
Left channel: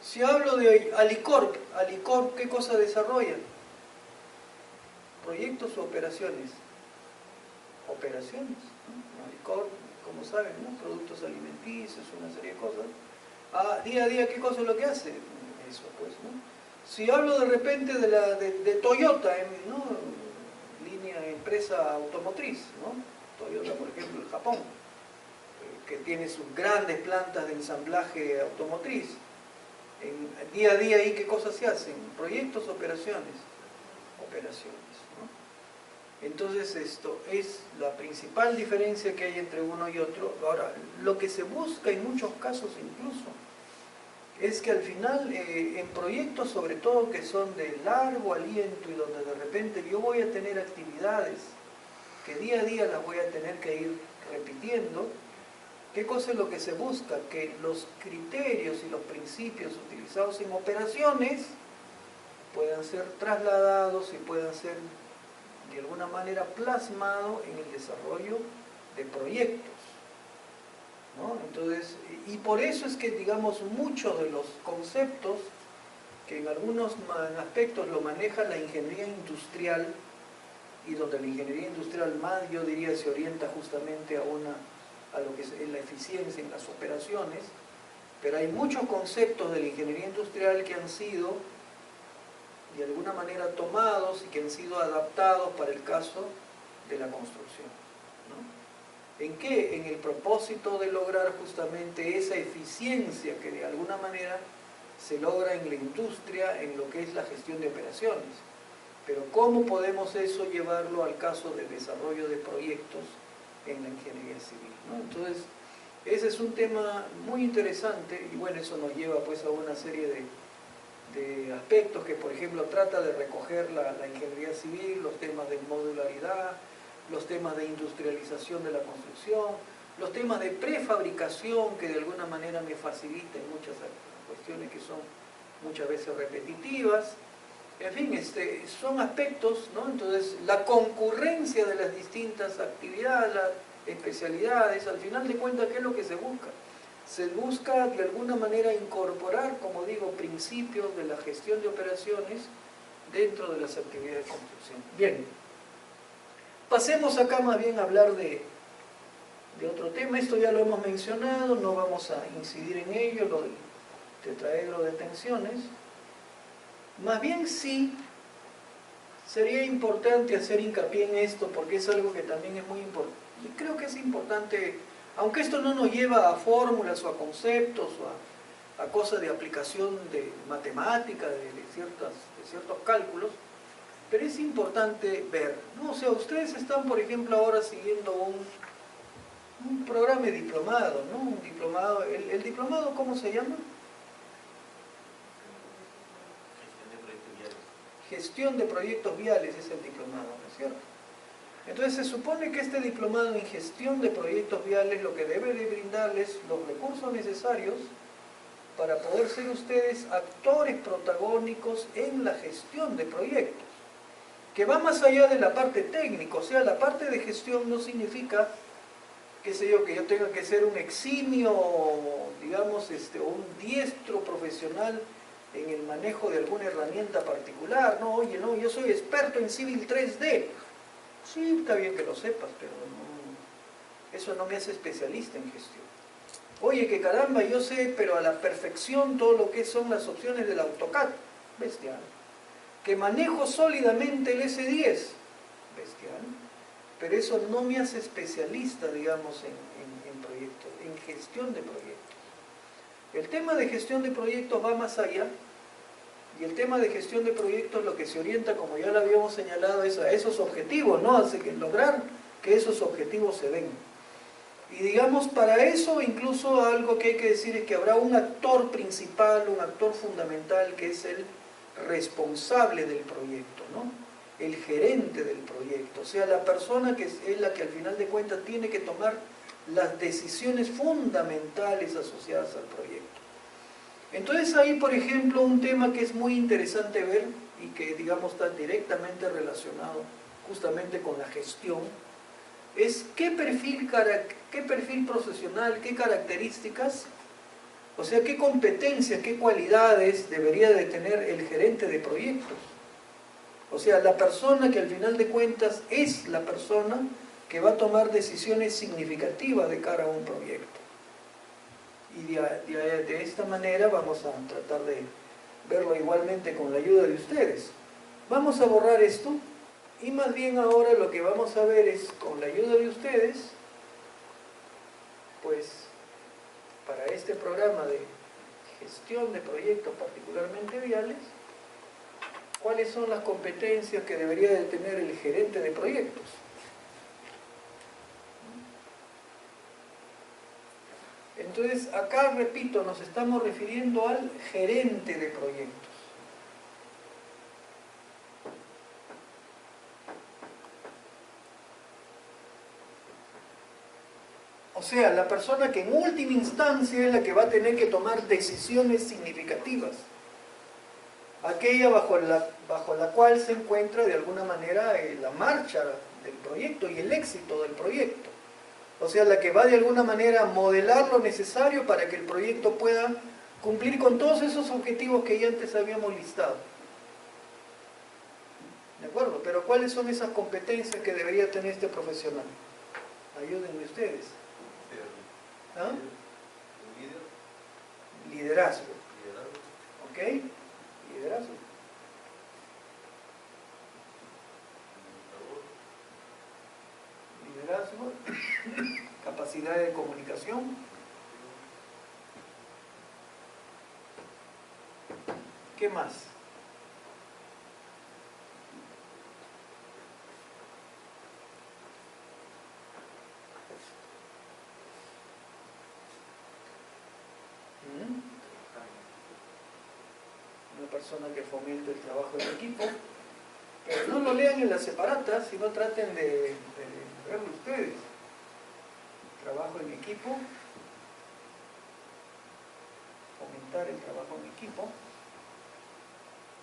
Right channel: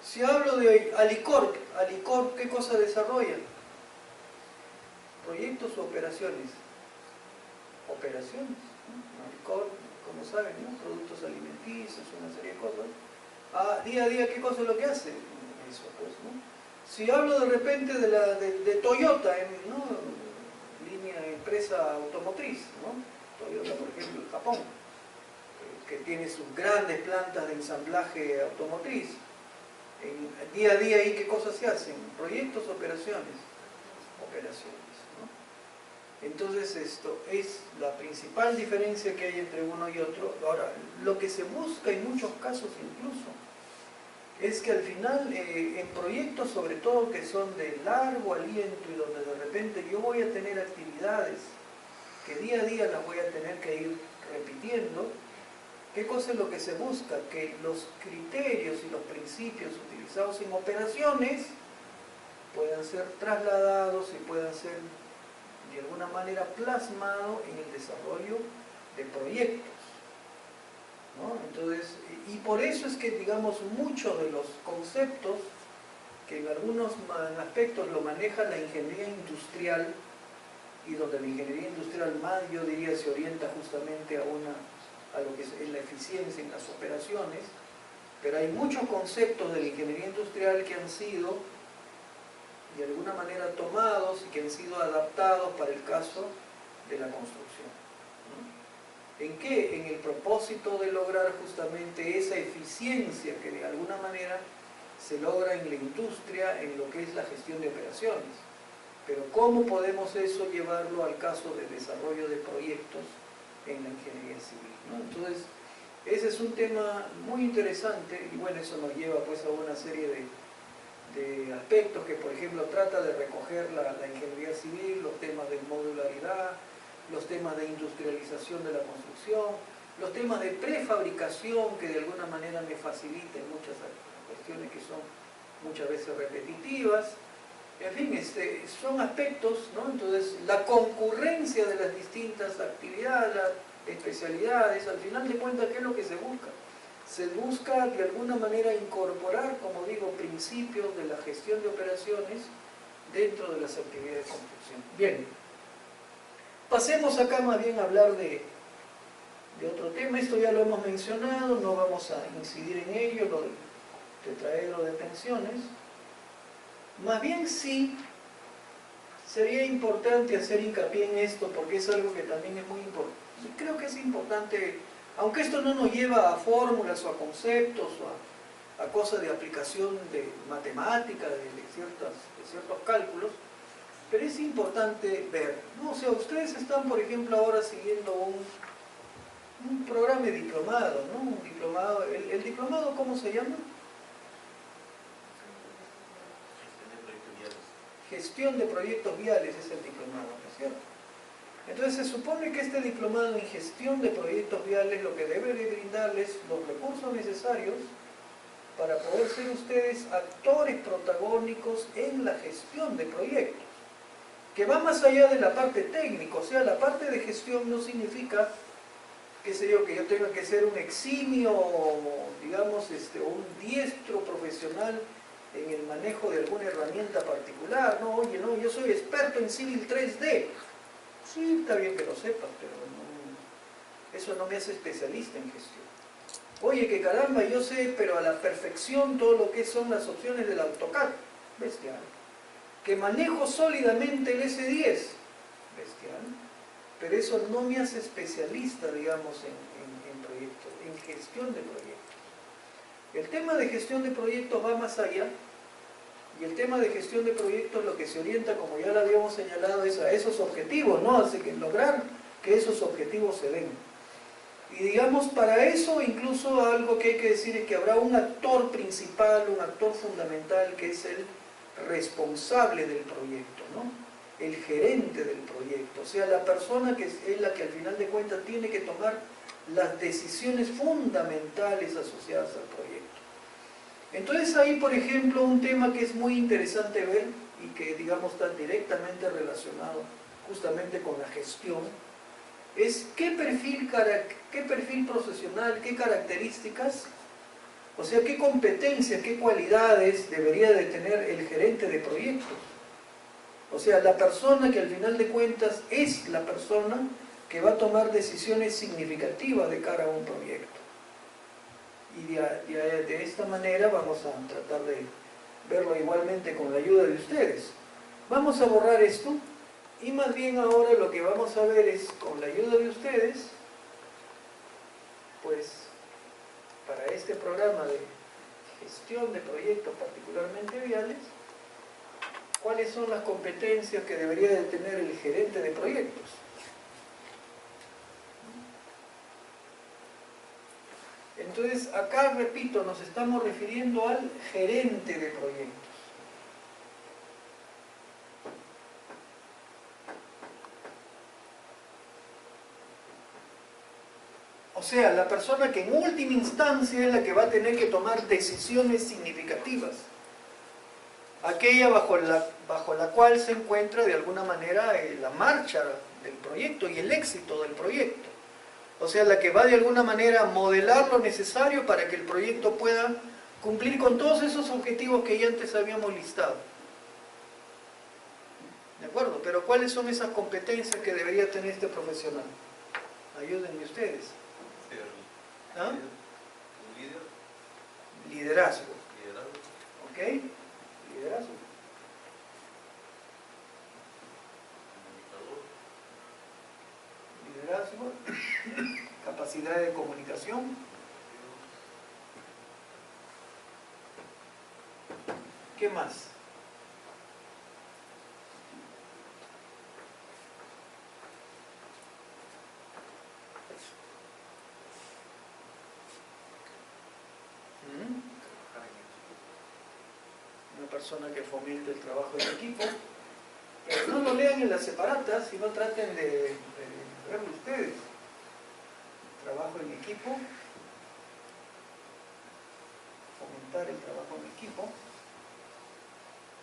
Si hablo de Alicorp, ¿qué cosa desarrolla? ¿Proyectos o operaciones? Operaciones, ¿no? Alicorp, como saben, ¿no? Productos alimenticios, una serie de cosas. Día a día, ¿qué cosa es lo que hace? Eso, pues, ¿no? Si hablo de repente de Toyota, ¿no? Empresa automotriz, ¿no? Toyota, por ejemplo, en Japón, que tiene sus grandes plantas de ensamblaje automotriz. Día a día ahí, ¿qué cosas se hacen? Proyectos, operaciones. Operaciones, ¿no? Entonces esto es la principal diferencia que hay entre uno y otro. Ahora, lo que se busca en muchos casos incluso es que al final en proyectos sobre todo que son de largo aliento y donde de repente yo voy a tener actividades que día a día las voy a tener que ir repitiendo, ¿qué cosa es lo que se busca? Que los criterios y los principios utilizados en operaciones puedan ser trasladados y puedan ser de alguna manera plasmados en el desarrollo de proyectos, ¿no? Entonces, y por eso es que, digamos, muchos de los conceptos que en algunos aspectos lo maneja la ingeniería industrial, y donde la ingeniería industrial más, yo diría, se orienta justamente a lo que es la eficiencia en las operaciones, pero hay muchos conceptos de la ingeniería industrial que han sido de alguna manera tomados y que han sido adaptados para el caso de la construcción, ¿no? ¿En qué? En el propósito de lograr justamente esa eficiencia que de alguna manera se logra en la industria, en lo que es la gestión de operaciones. Pero ¿cómo podemos eso llevarlo al caso de desarrollo de proyectos en la ingeniería civil, ¿no? Entonces, ese es un tema muy interesante y bueno, eso nos lleva pues a una serie de aspectos que, por ejemplo, trata de recoger la ingeniería civil, los temas de modularidad, los temas de industrialización de la construcción, los temas de prefabricación que de alguna manera me faciliten muchas cuestiones que son muchas veces repetitivas. En fin, son aspectos, ¿no? Entonces, la concurrencia de las distintas actividades, las especialidades, al final de cuentas, ¿qué es lo que se busca? Se busca de alguna manera incorporar, como digo, principios de la gestión de operaciones dentro de las actividades de construcción. Bien, pasemos acá más bien a hablar de otro tema. Esto ya lo hemos mencionado, no vamos a incidir en ello, lo del tetraedro de tensiones. Más bien sí, sería importante hacer hincapié en esto porque es algo que también es muy importante. Y creo que es importante, aunque esto no nos lleva a fórmulas o a conceptos o a cosas de aplicación de matemática, de ciertos cálculos, pero es importante ver, ¿no? O sea, ustedes están, por ejemplo, ahora siguiendo un programa de diplomado, ¿no? Un diplomado, ¿el diplomado cómo se llama? Gestión de proyectos viales es el diplomado, ¿no es cierto? Entonces se supone que este diplomado en gestión de proyectos viales lo que debe de brindarles los recursos necesarios para poder ser ustedes actores protagónicos en la gestión de proyectos, que va más allá de la parte técnica. O sea, la parte de gestión no significa, qué sé yo, que yo tenga que ser un eximio, digamos, o un diestro profesional en el manejo de alguna herramienta particular. No, oye, no, yo soy experto en Civil 3D. Sí, está bien que lo sepas, pero no, eso no me hace especialista en gestión. Oye, que caramba, yo sé, pero a la perfección todo lo que son las opciones del AutoCAD. Bestial. Que manejo sólidamente el S10. Bestial. Pero eso no me hace especialista, digamos, en proyectos, en gestión de proyectos. El tema de gestión de proyectos va más allá, y el tema de gestión de proyectos lo que se orienta, como ya lo habíamos señalado, es a esos objetivos, ¿no? Así que lograr que esos objetivos se den. Y digamos, para eso incluso algo que hay que decir es que habrá un actor principal, un actor fundamental, que es el responsable del proyecto, ¿no? el gerente del proyecto, o sea, la persona que es la que al final de cuentas tiene que tomar las decisiones fundamentales asociadas al proyecto. Entonces ahí, por ejemplo, un tema que es muy interesante ver y que, digamos, está directamente relacionado justamente con la gestión, es qué perfil profesional, qué características, o sea, qué competencias, qué cualidades debería de tener el gerente de proyectos. O sea, la persona que al final de cuentas es la persona que va a tomar decisiones significativas de cara a un proyecto. Y de esta manera vamos a tratar de verlo igualmente con la ayuda de ustedes. Vamos a borrar esto y más bien ahora lo que vamos a ver es, con la ayuda de ustedes, pues para este programa de gestión de proyectos particularmente viales, cuáles son las competencias que debería de tener el gerente de proyectos. Entonces, acá, repito, nos estamos refiriendo al gerente de proyectos. O sea, la persona que en última instancia es la que va a tener que tomar decisiones significativas. Aquella bajo la cual se encuentra de alguna manera la marcha del proyecto y el éxito del proyecto. O sea, la que va de alguna manera a modelar lo necesario para que el proyecto pueda cumplir con todos esos objetivos que ya antes habíamos listado. ¿De acuerdo? Pero ¿cuáles son esas competencias que debería tener este profesional? Ayúdenme ustedes. ¿Ah? Liderazgo. ¿Ok? Liderazgo. Liderazgo. Capacidad de comunicación. ¿Qué más? Una persona que fomente el trabajo en equipo. Pero no lo lean en las separatas, sino traten de verlo ustedes. Trabajo en equipo. Fomentar el trabajo en equipo.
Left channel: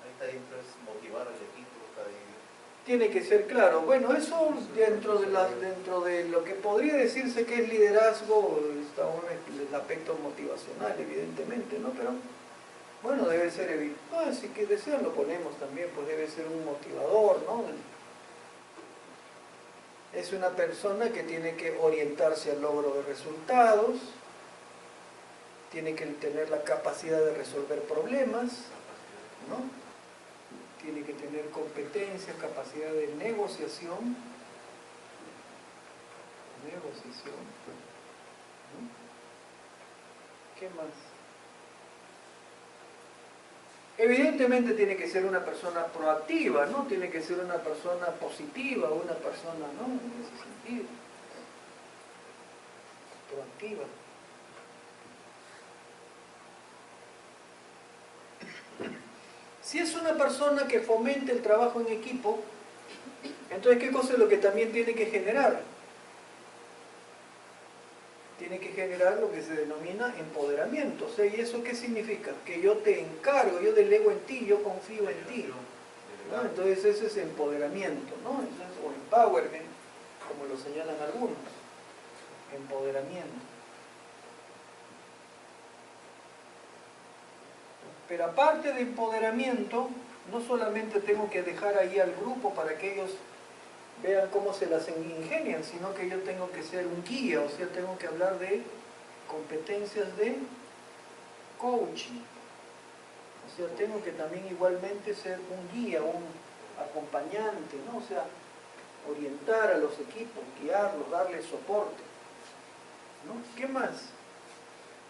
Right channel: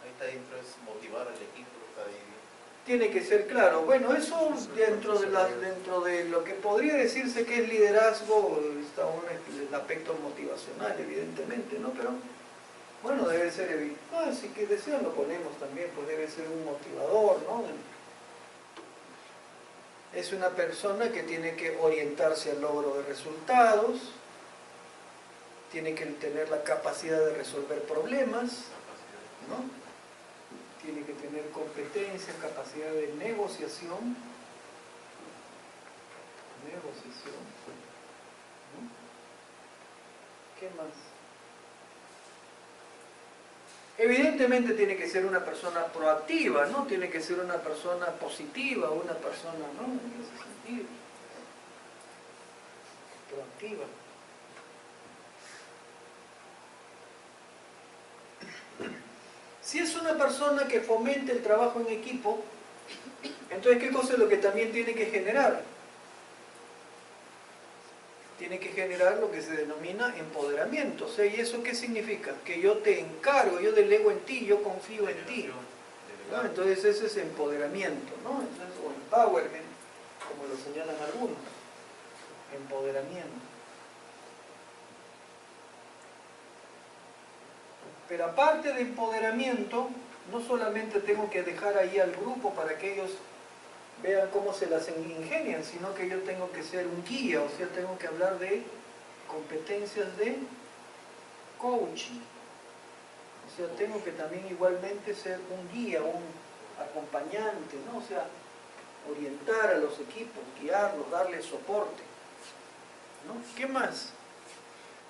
Ahí está dentro, es motivar al equipo. Está ahí. Tiene que ser claro. Bueno, eso dentro de lo que podría decirse que es liderazgo, está el aspecto motivacional, evidentemente, ¿no? Pero, bueno, debe ser, si que desean lo ponemos también, pues debe ser un motivador, ¿no? Es una persona que tiene que orientarse al logro de resultados, tiene que tener la capacidad de resolver problemas, ¿no? Tiene que tener competencia, capacidad de negociación. ¿No? ¿Qué más? Evidentemente tiene que ser una persona proactiva, ¿no? Tiene que ser una persona positiva, una persona, ¿no? En ese sentido. Proactiva. Si es una persona que fomente el trabajo en equipo, entonces ¿qué cosa es lo que también tiene que generar? Tiene que generar lo que se denomina empoderamiento. O sea, ¿y eso qué significa? Que yo te encargo, yo delego en ti, yo confío en ti, ¿no? Entonces eso es empoderamiento, ¿no? Entonces, o empowerment, como lo señalan algunos. Empoderamiento. Pero aparte de empoderamiento, no solamente tengo que dejar ahí al grupo para que ellos vean cómo se las ingenian, sino que yo tengo que ser un guía, o sea, tengo que hablar de competencias de coaching. O sea, tengo que también igualmente ser un guía, un acompañante, ¿no? O sea, orientar a los equipos, guiarlos, darles soporte, ¿no? ¿Qué más?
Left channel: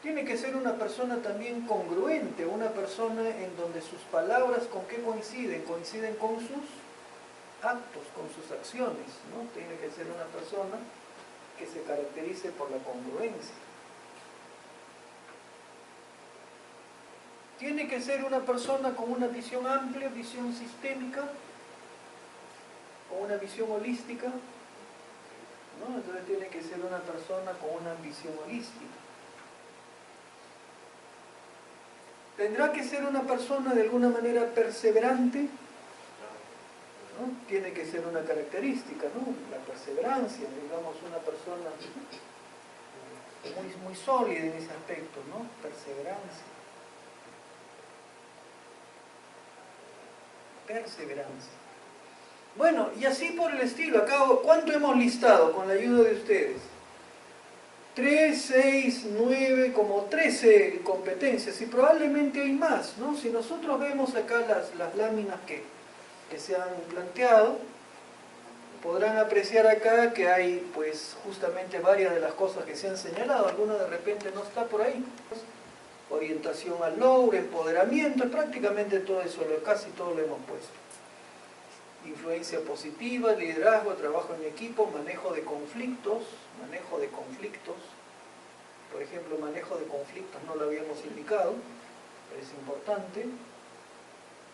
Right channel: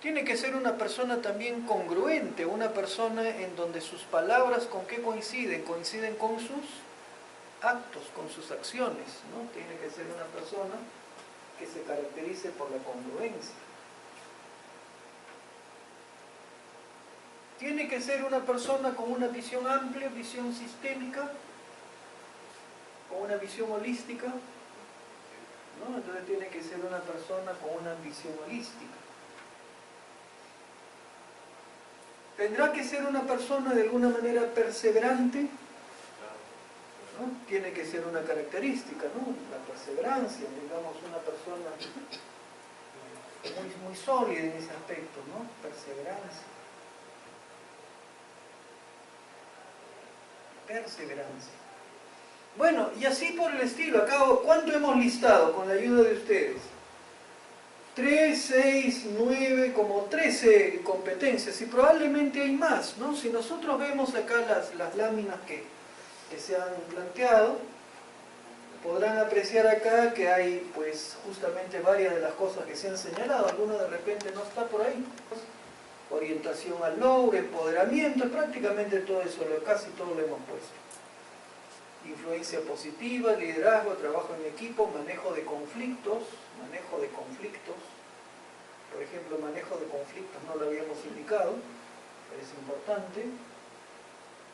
Tiene que ser una persona también congruente, una persona en donde sus palabras ¿con qué coinciden? Coinciden con sus actos, con sus acciones, ¿no? Tiene que ser una persona que se caracterice por la congruencia. Tiene que ser una persona con una visión amplia, visión sistémica, con una visión holística, ¿no? Entonces tiene que ser una persona con una visión holística. Tendrá que ser una persona de alguna manera perseverante, ¿no? Tiene que ser una característica, ¿no? La perseverancia, digamos, una persona muy sólida en ese aspecto, ¿no? Perseverancia. Perseverancia. Bueno, y así por el estilo. Acá, ¿cuánto hemos listado con la ayuda de ustedes? 3, 6, 9, como 13 competencias, y probablemente hay más, ¿no? Si nosotros vemos acá las láminas que se han planteado, podrán apreciar acá que hay pues justamente varias de las cosas que se han señalado, alguna de repente no está por ahí. Orientación al logro, empoderamiento, prácticamente todo eso, casi todo lo hemos puesto. Influencia positiva, liderazgo, trabajo en equipo, manejo de conflictos, por ejemplo, manejo de conflictos no lo habíamos indicado, pero es importante.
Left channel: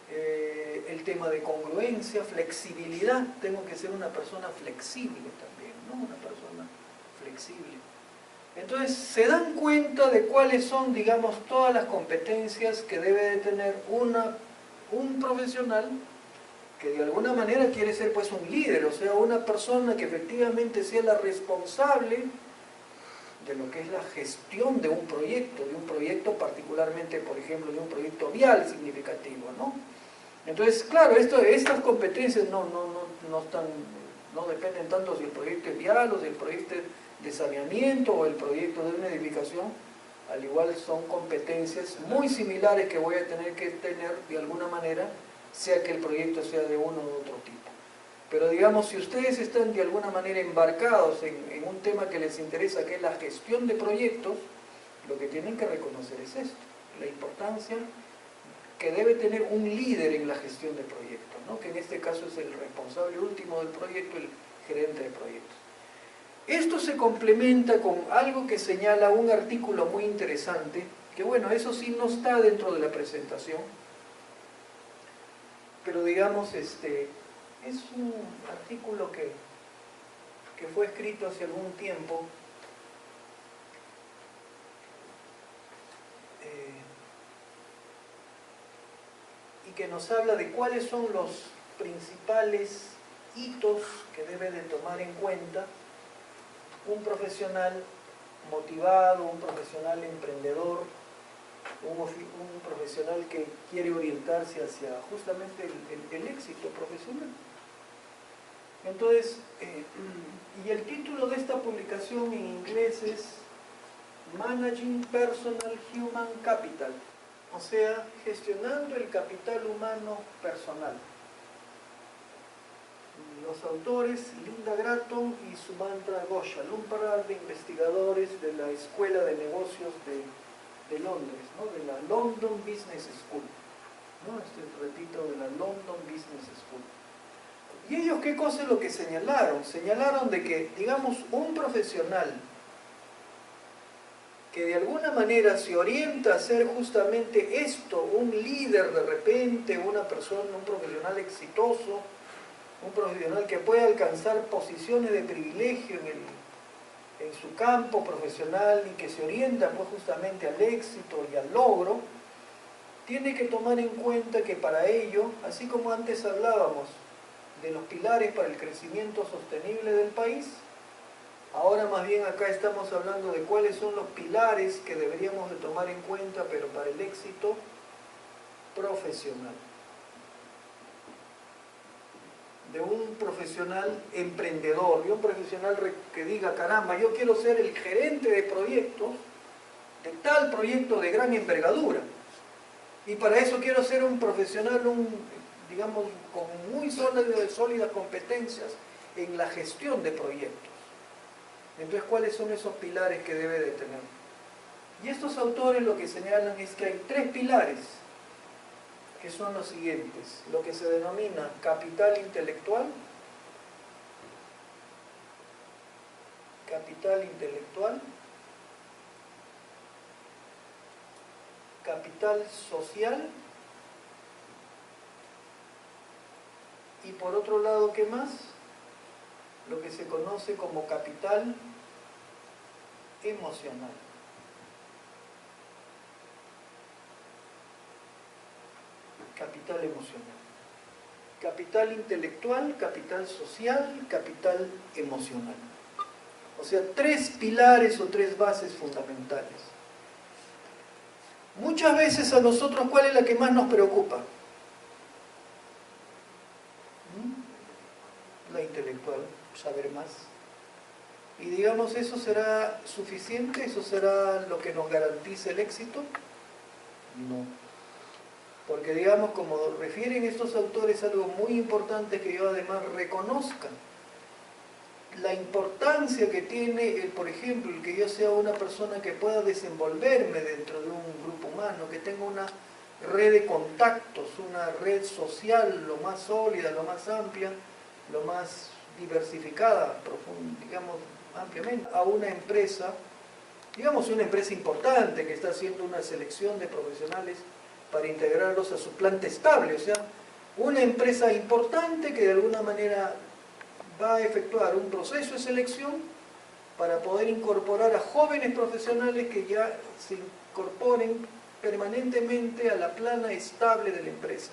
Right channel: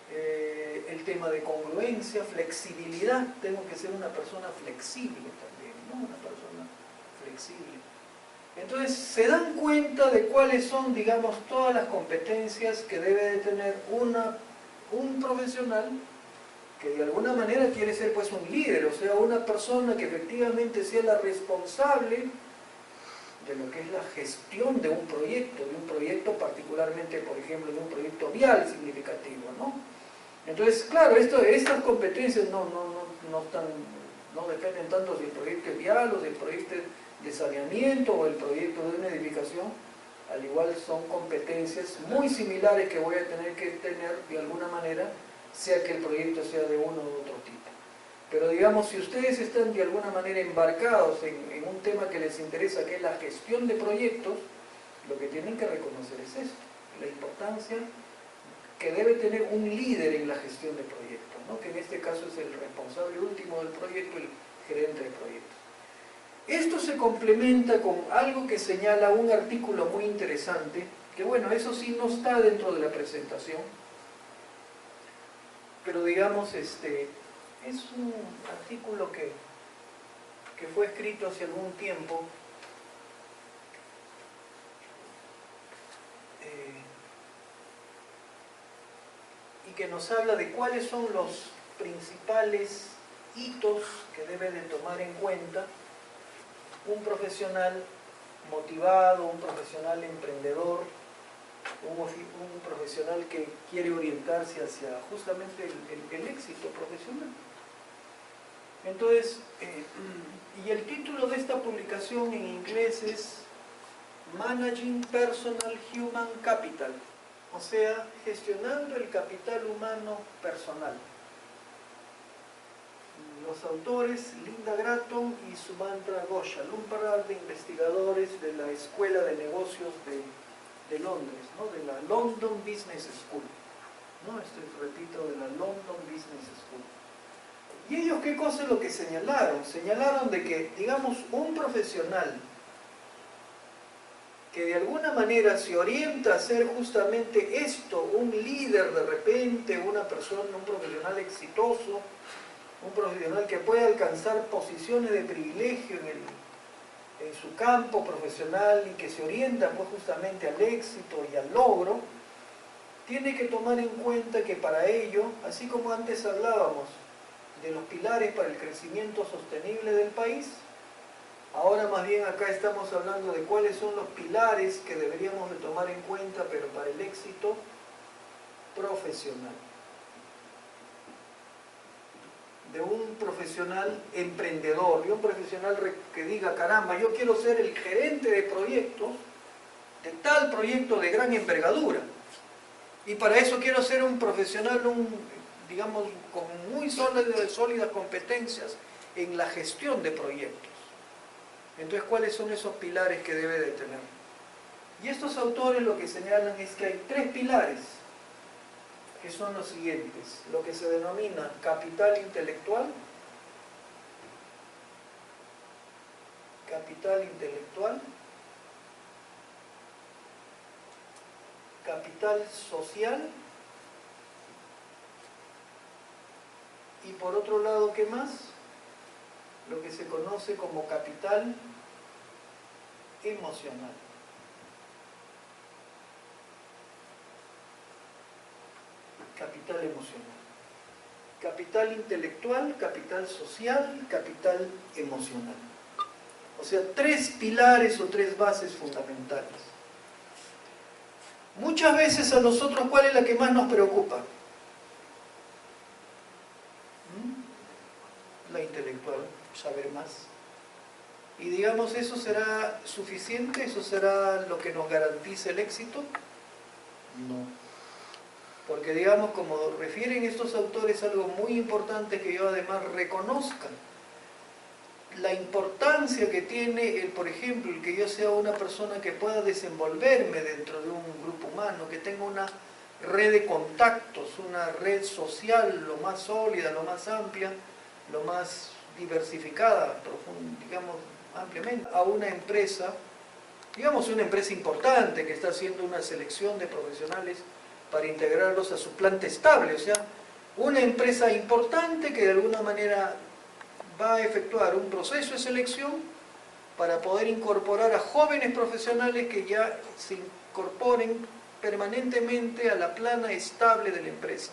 El tema de congruencia, flexibilidad, tengo que ser una persona flexible también, ¿no? Una persona flexible. Entonces, se dan cuenta de cuáles son, digamos, todas las competencias que debe de tener un profesional que de alguna manera quiere ser pues un líder, o sea, una persona que efectivamente sea la responsable de lo que es la gestión de un proyecto particularmente, por ejemplo, de un proyecto vial significativo, ¿no? Entonces, claro, estas competencias no dependen tanto si el proyecto es vial o si el proyecto es de saneamiento o el proyecto de una edificación, al igual son competencias muy similares que voy a tener que tener de alguna manera, sea que el proyecto sea de uno u otro tipo. Pero digamos, si ustedes están de alguna manera embarcados en un tema que les interesa, que es la gestión de proyectos, lo que tienen que reconocer es esto, la importancia que debe tener un líder en la gestión de proyectos, ¿no? Que en este caso es el responsable último del proyecto, el gerente de proyectos. Esto se complementa con algo que señala un artículo muy interesante, que bueno, eso sí no está dentro de la presentación, pero digamos, es un artículo que fue escrito hace algún tiempo, y que nos habla de cuáles son los principales hitos que debe de tomar en cuenta un profesional motivado, un profesional emprendedor, un profesional que quiere orientarse hacia justamente el éxito profesional. Entonces, y el título de esta publicación en inglés es Managing Personal Human Capital, o sea, gestionando el capital humano personal. Los autores, Linda Gratton y Sumantra Ghoshal, un par de investigadores de la Escuela de Negocios de Londres, ¿no? De la London Business School, ¿no? Repito, de la London Business School. ¿Y ellos qué cosa es lo que señalaron? Señalaron de que, digamos, un profesional que de alguna manera se orienta a ser justamente esto, un líder de repente, una persona, un profesional exitoso, un profesional que puede alcanzar posiciones de privilegio en su campo profesional y que se orienta pues justamente al éxito y al logro, tiene que tomar en cuenta que para ello, así como antes hablábamos de los pilares para el crecimiento sostenible del país, ahora más bien acá estamos hablando de cuáles son los pilares que deberíamos de tomar en cuenta, pero para el éxito profesional. De un profesional emprendedor, de un profesional que diga, caramba, yo quiero ser el gerente de proyectos, de tal proyecto de gran envergadura. Y para eso quiero ser un profesional, digamos, con muy sólidas competencias en la gestión de proyectos. Entonces, ¿cuáles son esos pilares que debe de tener? Y estos autores lo que señalan es que hay 3 pilares, que son los siguientes: lo que se denomina capital intelectual, capital social Y por otro lado, ¿qué más? Lo que se conoce como capital emocional. Capital emocional. Capital intelectual, capital social, capital emocional. O sea, 3 pilares o 3 bases fundamentales. Muchas veces a nosotros, ¿cuál es la que más nos preocupa? La intelectual, saber más. Y digamos, ¿eso será suficiente? ¿Eso será lo que nos garantice el éxito? No. Porque digamos, como refieren estos autores, algo muy importante que yo además reconozca. La importancia que tiene, por ejemplo, el que yo sea una persona que pueda desenvolverme dentro de un grupo humano, que tenga una red de contactos, una red social lo más sólida, lo más amplia, lo más diversificada, digamos, ampliamente, a una empresa, digamos una empresa importante que está haciendo una selección de profesionales para integrarlos a su planta estable, o sea, una empresa importante que de alguna manera va a efectuar un proceso de selección para poder incorporar a jóvenes profesionales que ya se incorporen permanentemente a la plana estable de la empresa.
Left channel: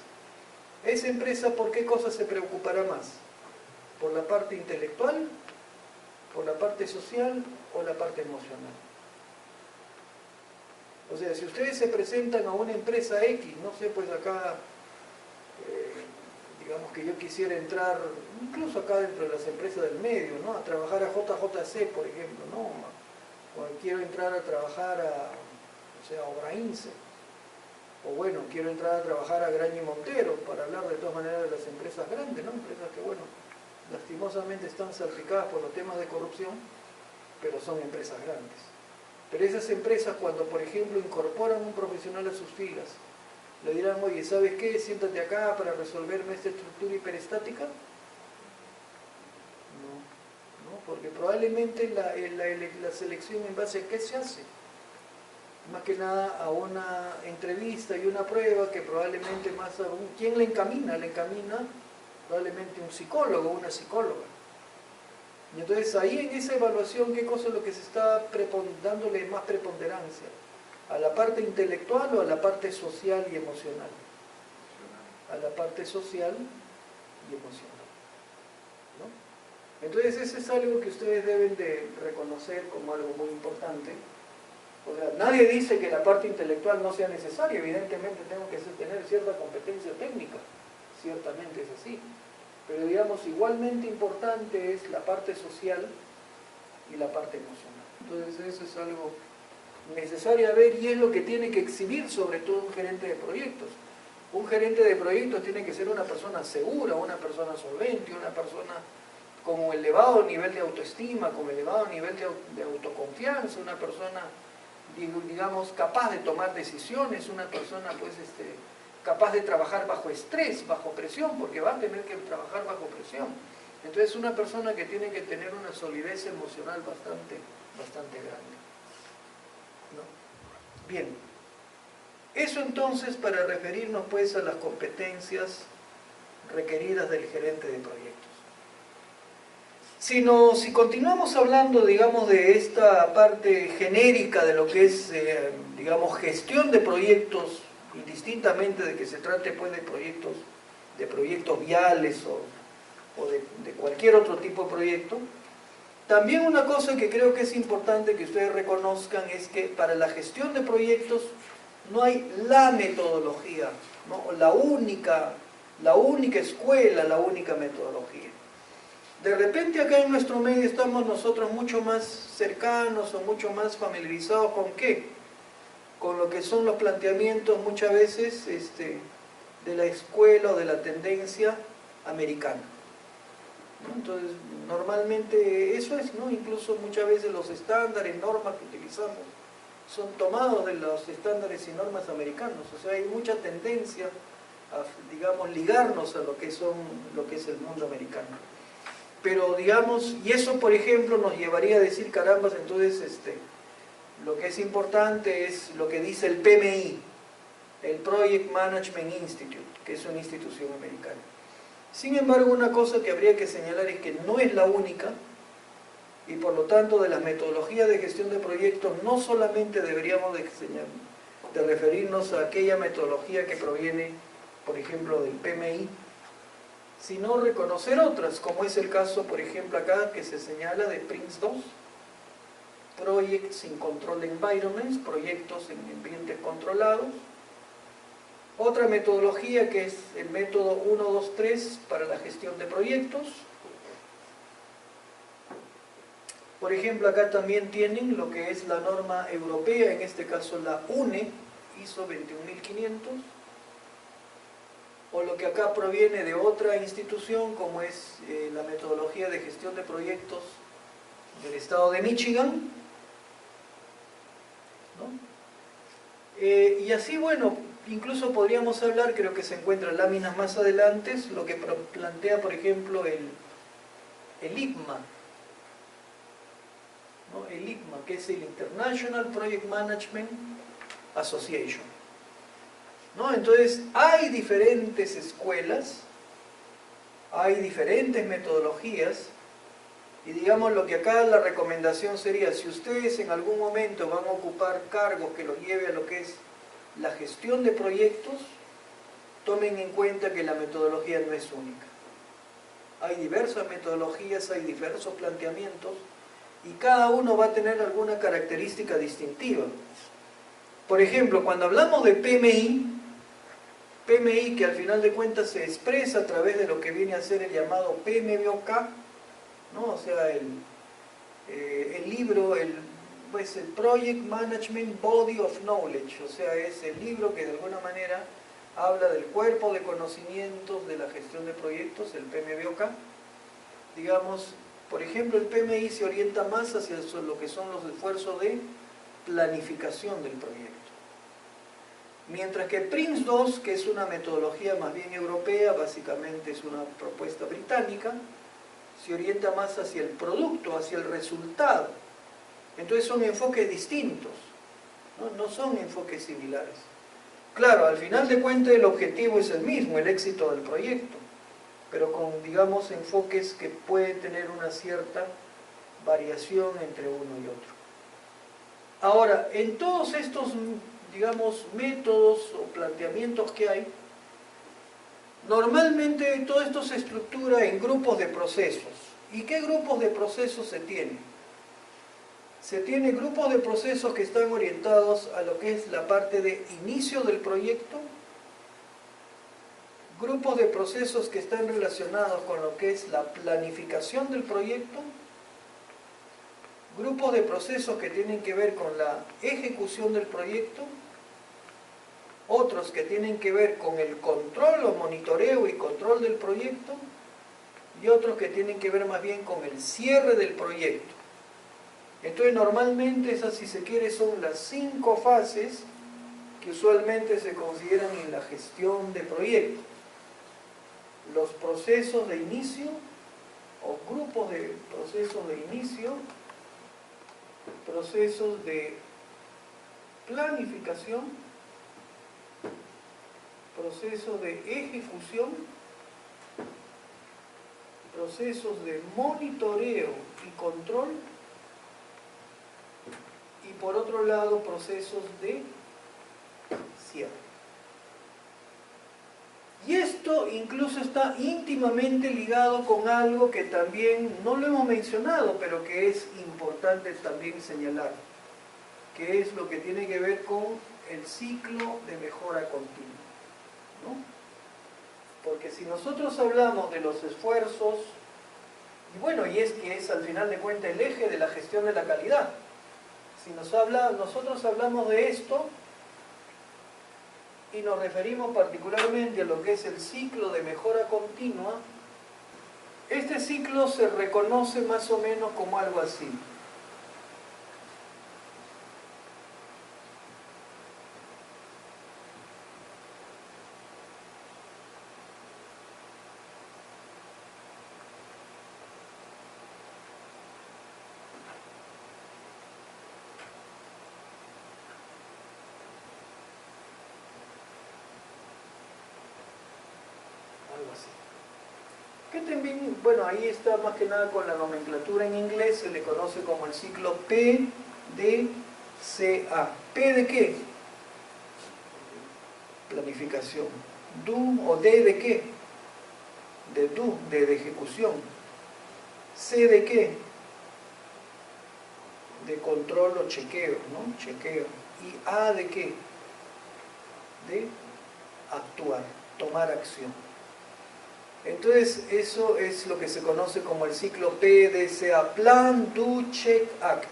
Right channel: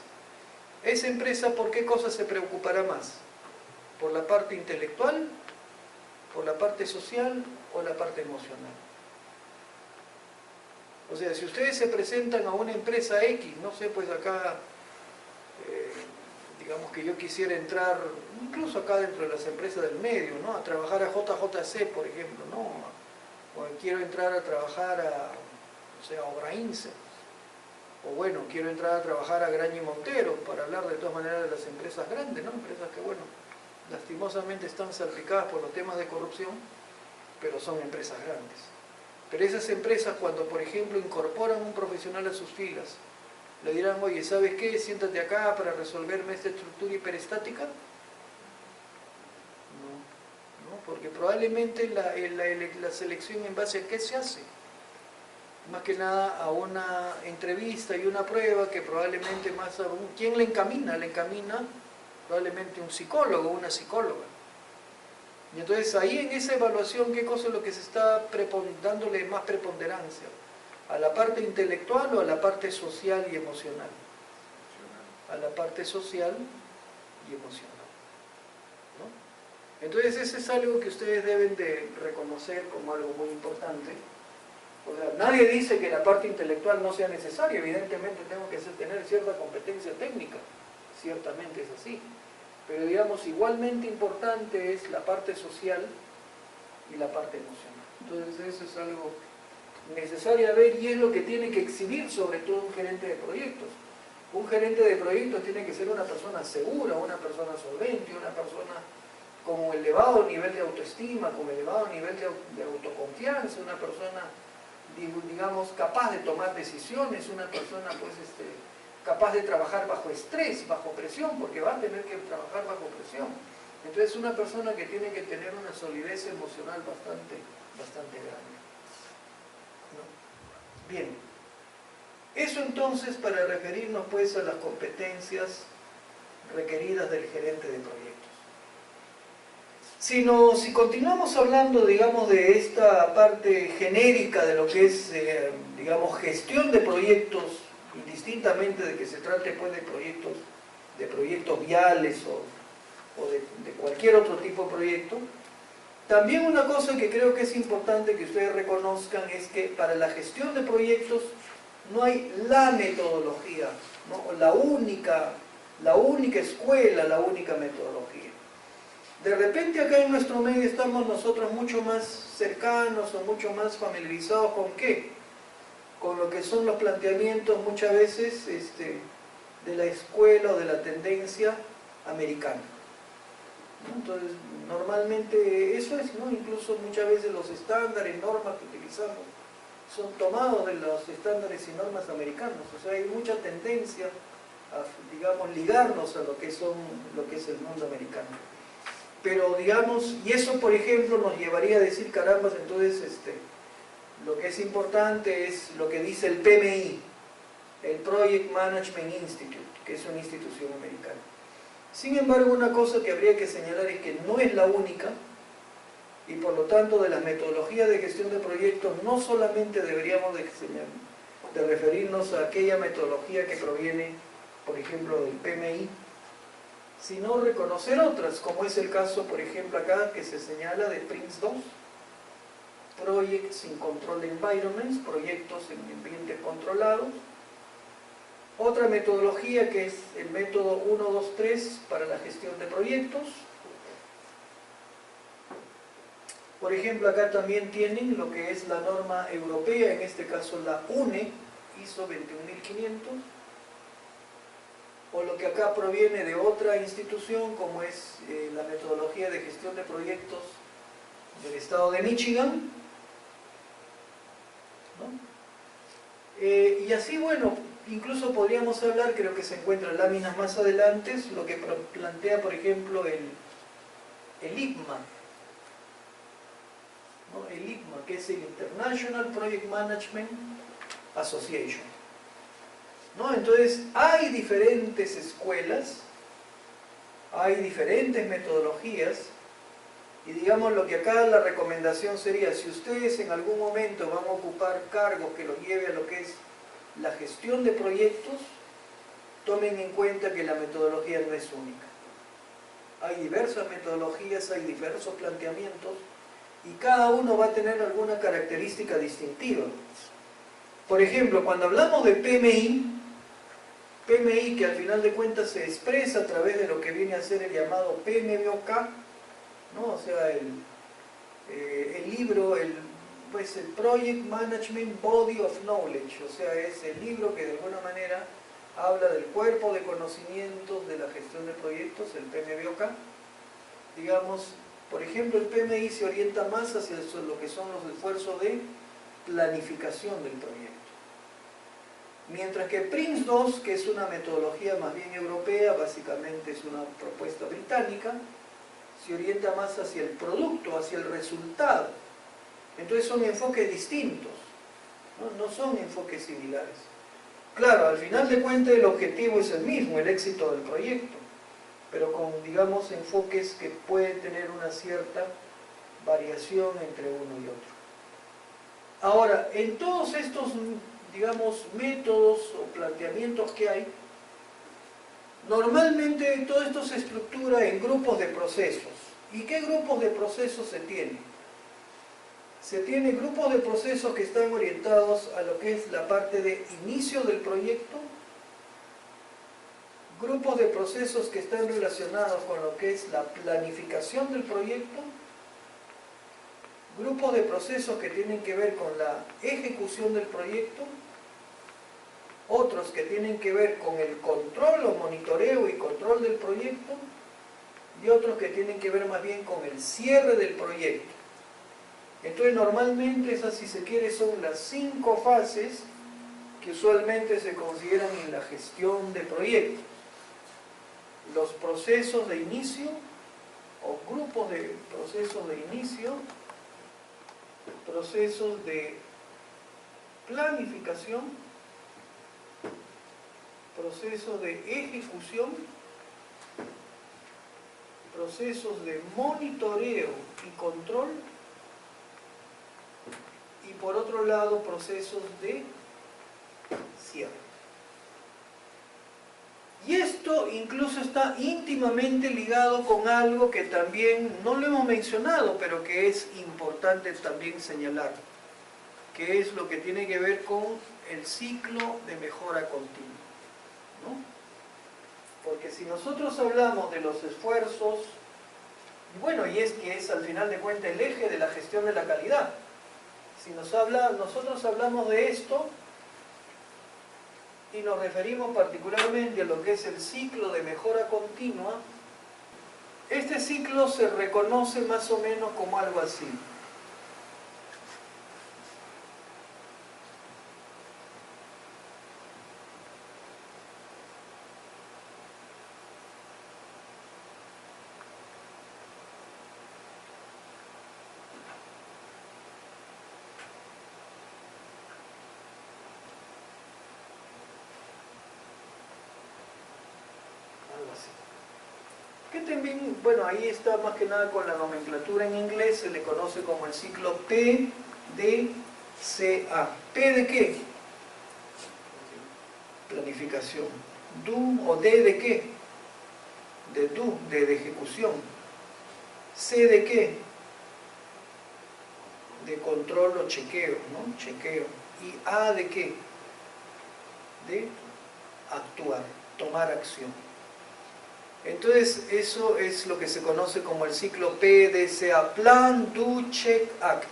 Esa empresa, ¿por qué cosa se preocupará más? ¿Por la parte intelectual, por la parte social o la parte emocional? O sea, si ustedes se presentan a una empresa X, no sé, pues acá, digamos que yo quisiera entrar, incluso acá dentro de las empresas del medio, ¿no? A trabajar a JJC, por ejemplo, ¿no? O quiero entrar a trabajar a Obrainse, o bueno, quiero entrar a trabajar a Graña y Montero, para hablar de todas maneras de las empresas grandes, ¿no? Empresas que, bueno, lastimosamente están salpicadas por los temas de corrupción, pero son empresas grandes. Pero esas empresas, cuando por ejemplo incorporan un profesional a sus filas, le dirán, oye, ¿sabes qué? Siéntate acá para resolverme esta estructura hiperestática. No, porque probablemente la selección en base a qué se hace. Más que nada a una entrevista y una prueba que probablemente más aún, ¿quién le encamina? Le encamina probablemente un psicólogo o una psicóloga. Y entonces ahí en esa evaluación, ¿qué cosa es lo que se está dándole más preponderancia? ¿A la parte intelectual o a la parte social y emocional? A la parte social y emocional, ¿no? Entonces eso es algo que ustedes deben de reconocer como algo muy importante. O sea, nadie dice que la parte intelectual no sea necesaria, evidentemente tengo que tener cierta competencia técnica, ciertamente es así. Pero digamos, igualmente importante es la parte social y la parte emocional. Entonces eso es algo necesario a ver y es lo que tiene que exhibir sobre todo un gerente de proyectos. Un gerente de proyectos tiene que ser una persona segura, una persona solvente, una persona con un elevado nivel de autoestima, con un elevado nivel de autoconfianza, una persona, digamos, capaz de tomar decisiones, una persona pues capaz de trabajar bajo estrés, bajo presión, porque va a tener que trabajar bajo presión. Entonces una persona que tiene que tener una solidez emocional bastante grande, ¿no? Bien, eso entonces para referirnos pues a las competencias requeridas del gerente de proyectos. Si continuamos hablando, digamos, de esta parte genérica de lo que es, digamos, gestión de proyectos, indistintamente de que se trate pues de proyectos viales o de cualquier otro tipo de proyecto, también una cosa que creo que es importante que ustedes reconozcan es que para la gestión de proyectos no hay la metodología, ¿no? La única escuela, la única metodología. De repente acá en nuestro medio estamos nosotros mucho más cercanos o mucho más familiarizados ¿con qué? Con lo que son los planteamientos muchas veces de la escuela o de la tendencia americana, ¿no? Entonces, normalmente eso es, ¿no? Incluso muchas veces los estándares, normas que utilizamos son tomados de los estándares y normas americanos. O sea, hay mucha tendencia a, digamos, ligarnos a lo que es el mundo americano. Pero, digamos, y eso, por ejemplo, nos llevaría a decir, carambas, entonces, lo que es importante es lo que dice el PMI, el Project Management Institute, que es una institución americana. Sin embargo, una cosa que habría que señalar es que no es la única, y por lo tanto de las metodologías de gestión de proyectos no solamente deberíamos de referirnos a aquella metodología que proviene, por ejemplo, del PMI, sino reconocer otras, como es el caso, por ejemplo, acá que se señala de PRINCE2, Projects in Controlled Environments, proyectos en ambientes controlados. Otra metodología que es el método 1, 2, 3 para la gestión de proyectos. Por ejemplo, acá también tienen lo que es la norma europea, en este caso la UNE, ISO 21500, o lo que acá proviene de otra institución, como es la metodología de gestión de proyectos del estado de Michigan, ¿no? Y así, bueno, incluso podríamos hablar, creo que se encuentran láminas más adelante, lo que plantea, por ejemplo, el IPMA, ¿no? El IPMA, que es el International Project Management Association, ¿no? Entonces, hay diferentes escuelas, hay diferentes metodologías, y digamos lo que acá la recomendación sería, si ustedes en algún momento van a ocupar cargos que los lleve a lo que es la gestión de proyectos, tomen en cuenta que la metodología no es única. Hay diversas metodologías, hay diversos planteamientos, y cada uno va a tener alguna característica distintiva. Por ejemplo, cuando hablamos de PMI que al final de cuentas se expresa a través de lo que viene a ser el llamado PMBOK, ¿no? O sea, el libro, pues el Project Management Body of Knowledge, o sea, es el libro que de alguna manera habla del cuerpo de conocimientos de la gestión de proyectos, el PMBOK. Digamos, por ejemplo, el PMI se orienta más hacia lo que son los esfuerzos de planificación del proyecto. Mientras que PRINCE2, que es una metodología más bien europea, básicamente es una propuesta británica, se orienta más hacia el producto, hacia el resultado. Entonces son enfoques distintos, ¿no? No son enfoques similares. Claro, al final de cuentas el objetivo es el mismo, el éxito del proyecto, pero con, digamos, enfoques que pueden tener una cierta variación entre uno y otro. Ahora, en todos estos, digamos, métodos o planteamientos que hay, normalmente todo esto se estructura en grupos de procesos. ¿Y qué grupos de procesos se tienen? Se tienen grupos de procesos que están orientados a lo que es la parte de inicio del proyecto, grupos de procesos que están relacionados con lo que es la planificación del proyecto, grupos de procesos que tienen que ver con la ejecución del proyecto, otros que tienen que ver con el control o monitoreo y control del proyecto, y otros que tienen que ver más bien con el cierre del proyecto. Entonces normalmente esas, si se quiere, son las 5 fases que usualmente se consideran en la gestión de proyectos. Los procesos de inicio o grupos de procesos de inicio, procesos de planificación, procesos de ejecución, procesos de monitoreo y control, y por otro lado procesos de cierre. Y esto incluso está íntimamente ligado con algo que también no lo hemos mencionado, pero que es importante también señalar, que es lo que tiene que ver con el ciclo de mejora continua, ¿no? Porque si nosotros hablamos de los esfuerzos, y bueno, y es que es al final de cuentas el eje de la gestión de la calidad, si nosotros hablamos de esto, y nos referimos particularmente a lo que es el ciclo de mejora continua, este ciclo se reconoce más o menos como algo así. Algo así. que también, bueno, ahí está más que nada con la nomenclatura en inglés, se le conoce como el ciclo PDCA. ¿P de qué? Planificación. ¿Do o D de qué? De do, de ejecución. ¿C de qué? De control o chequeo, ¿no? Chequeo. ¿Y A de qué? De actuar, tomar acción. Entonces, eso es lo que se conoce como el ciclo PDCA, Plan, Do, Check, Act,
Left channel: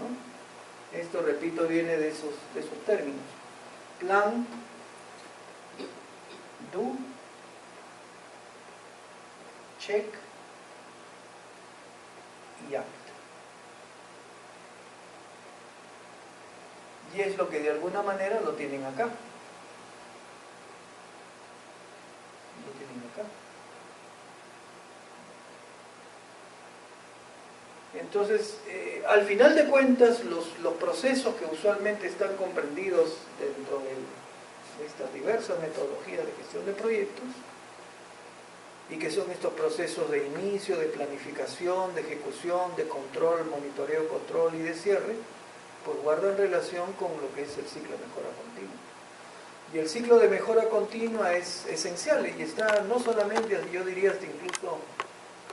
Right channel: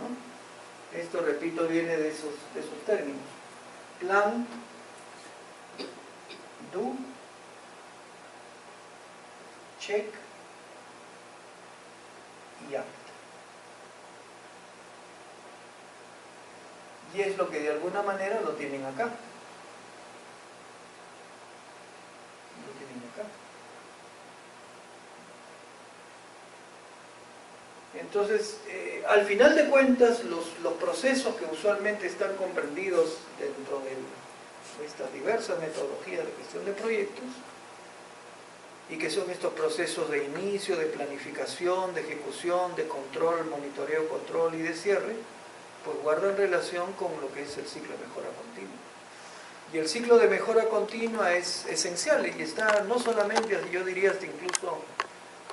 ¿no? Esto, repito, viene de esos términos. Plan, Do, Check y Act. Y es lo que de alguna manera lo tienen acá. Lo tienen acá. Entonces, al final de cuentas, los procesos que usualmente están comprendidos dentro de estas diversas metodologías de gestión de proyectos, y que son estos procesos de inicio, de planificación, de ejecución, de control, monitoreo, control y de cierre, pues guardan relación con lo que es el ciclo de mejora continua. Y el ciclo de mejora continua es esencial y está no solamente, yo diría hasta incluso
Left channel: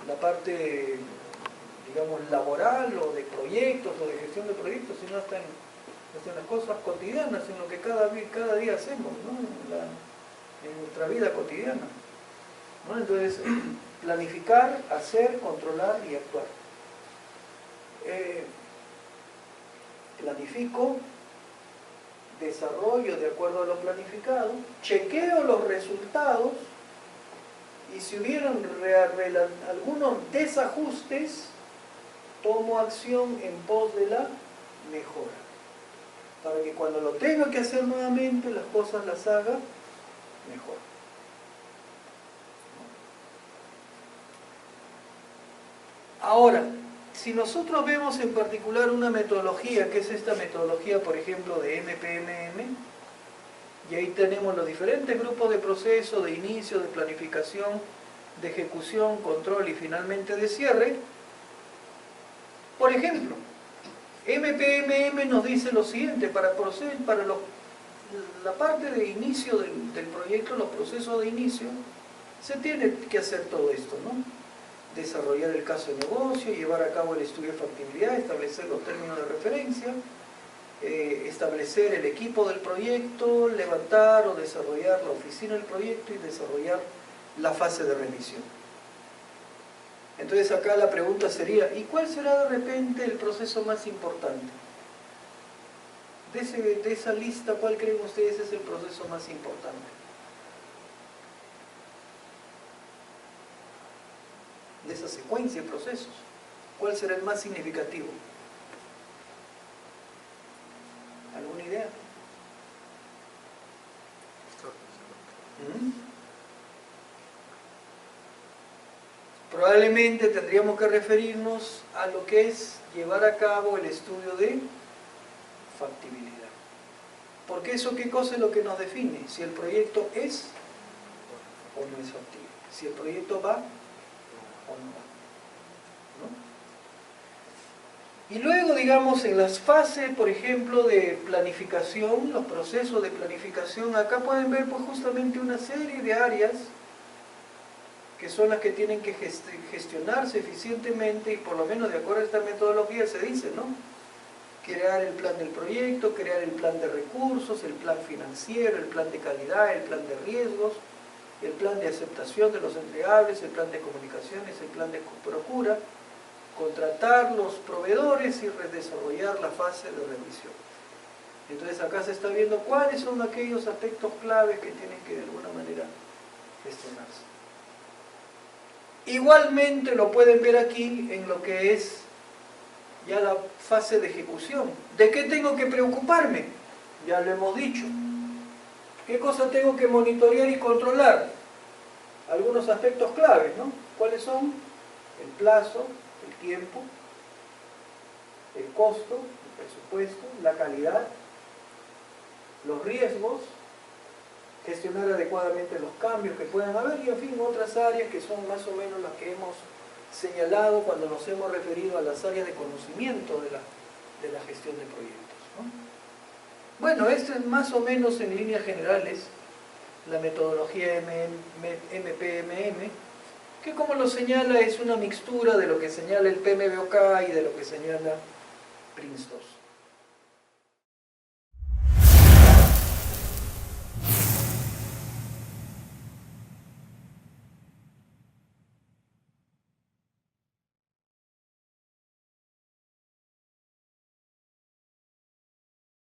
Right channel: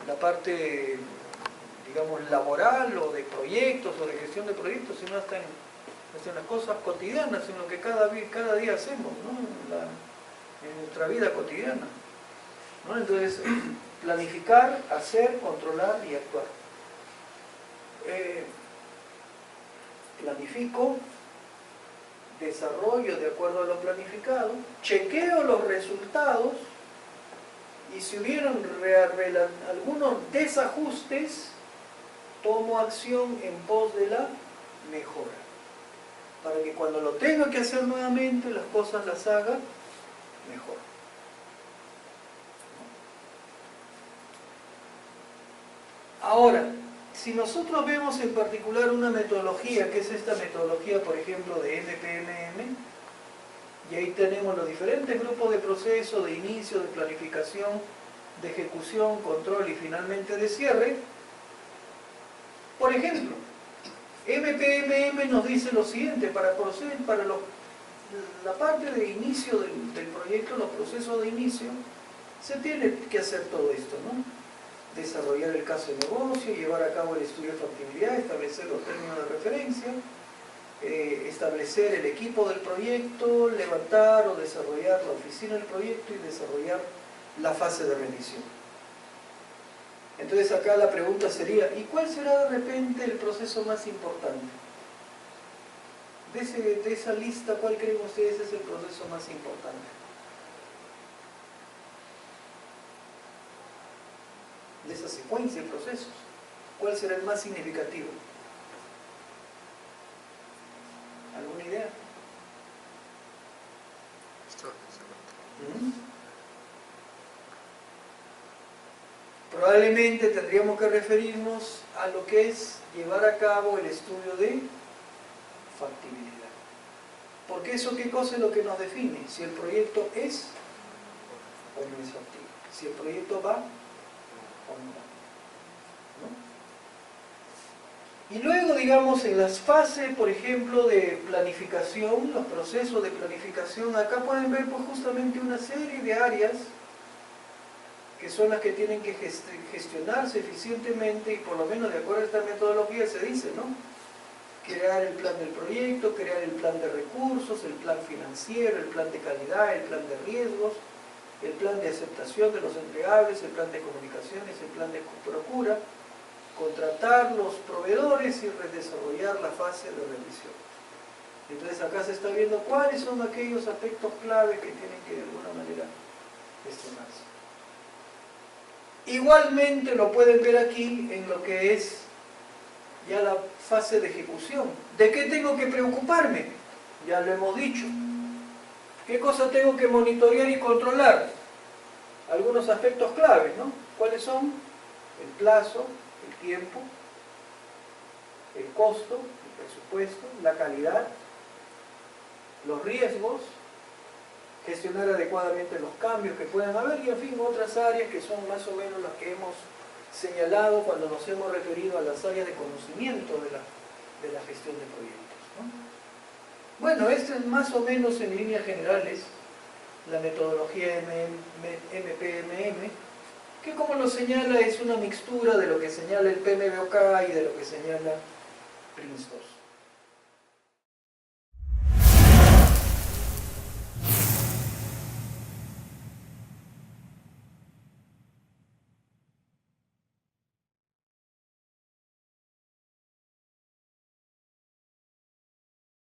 la parte, digamos, laboral o de proyectos o de gestión de proyectos, sino hasta en las cosas cotidianas, en lo que cada día hacemos, ¿no? En nuestra vida cotidiana, ¿no? Entonces, planificar, hacer, controlar y actuar. Planifico, desarrollo de acuerdo a lo planificado, chequeo los resultados y si hubieran algunos desajustes, tomo acción en pos de la mejora, para que cuando lo tenga que hacer nuevamente, las cosas las haga mejor. Ahora, si nosotros vemos en particular una metodología, que es esta metodología, por ejemplo, de MPMM, y ahí tenemos los diferentes grupos de proceso, de inicio, de planificación, de ejecución, control y finalmente de cierre. Por ejemplo, MPMM nos dice lo siguiente: para la parte de inicio del proyecto, los procesos de inicio, se tiene que hacer todo esto, ¿no? Desarrollar el caso de negocio, llevar a cabo el estudio de factibilidad, establecer los términos de referencia, establecer el equipo del proyecto, levantar o desarrollar la oficina del proyecto y desarrollar la fase de revisión. Entonces acá la pregunta sería, ¿y cuál será de repente el proceso más importante? De esa lista, ¿cuál creen ustedes es el proceso más importante? De esa secuencia de procesos, ¿cuál será el más significativo? ¿Alguna idea? Probablemente tendríamos que referirnos a lo que es llevar a cabo el estudio de factibilidad. Porque eso, ¿qué cosa es lo que nos define? Si el proyecto es o no es factible. Si el proyecto va o no. ¿No? Y luego, digamos, en las fases, por ejemplo, de planificación, los procesos de planificación, acá pueden ver pues justamente una serie de áreas que son las que tienen que gestionarse eficientemente, y por lo menos de acuerdo a esta metodología se dice, ¿no? Crear el plan del proyecto, crear el plan de recursos, el plan financiero, el plan de calidad, el plan de riesgos, el plan de aceptación de los entregables, el plan de comunicaciones, el plan de procura, contratar los proveedores y redesarrollar la fase de revisión. Entonces acá se está viendo cuáles son aquellos aspectos clave que tienen que de alguna manera gestionarse. Igualmente lo pueden ver aquí en lo que es ya la fase de ejecución. ¿De qué tengo que preocuparme? Ya lo hemos dicho. ¿Qué cosa tengo que monitorear y controlar? Algunos aspectos claves, ¿no? ¿Cuáles son? El plazo, el tiempo, el costo, el presupuesto, la calidad, los riesgos gestionar adecuadamente los cambios que puedan haber y en fin otras áreas que son más o menos las que hemos señalado cuando nos hemos referido a las áreas de conocimiento de la gestión de proyectos, ¿no? Bueno, esto es más o menos en líneas generales la metodología MPMM, que como lo señala es una mixtura de lo que señala el PMBOK y de lo que señala PRINCE2.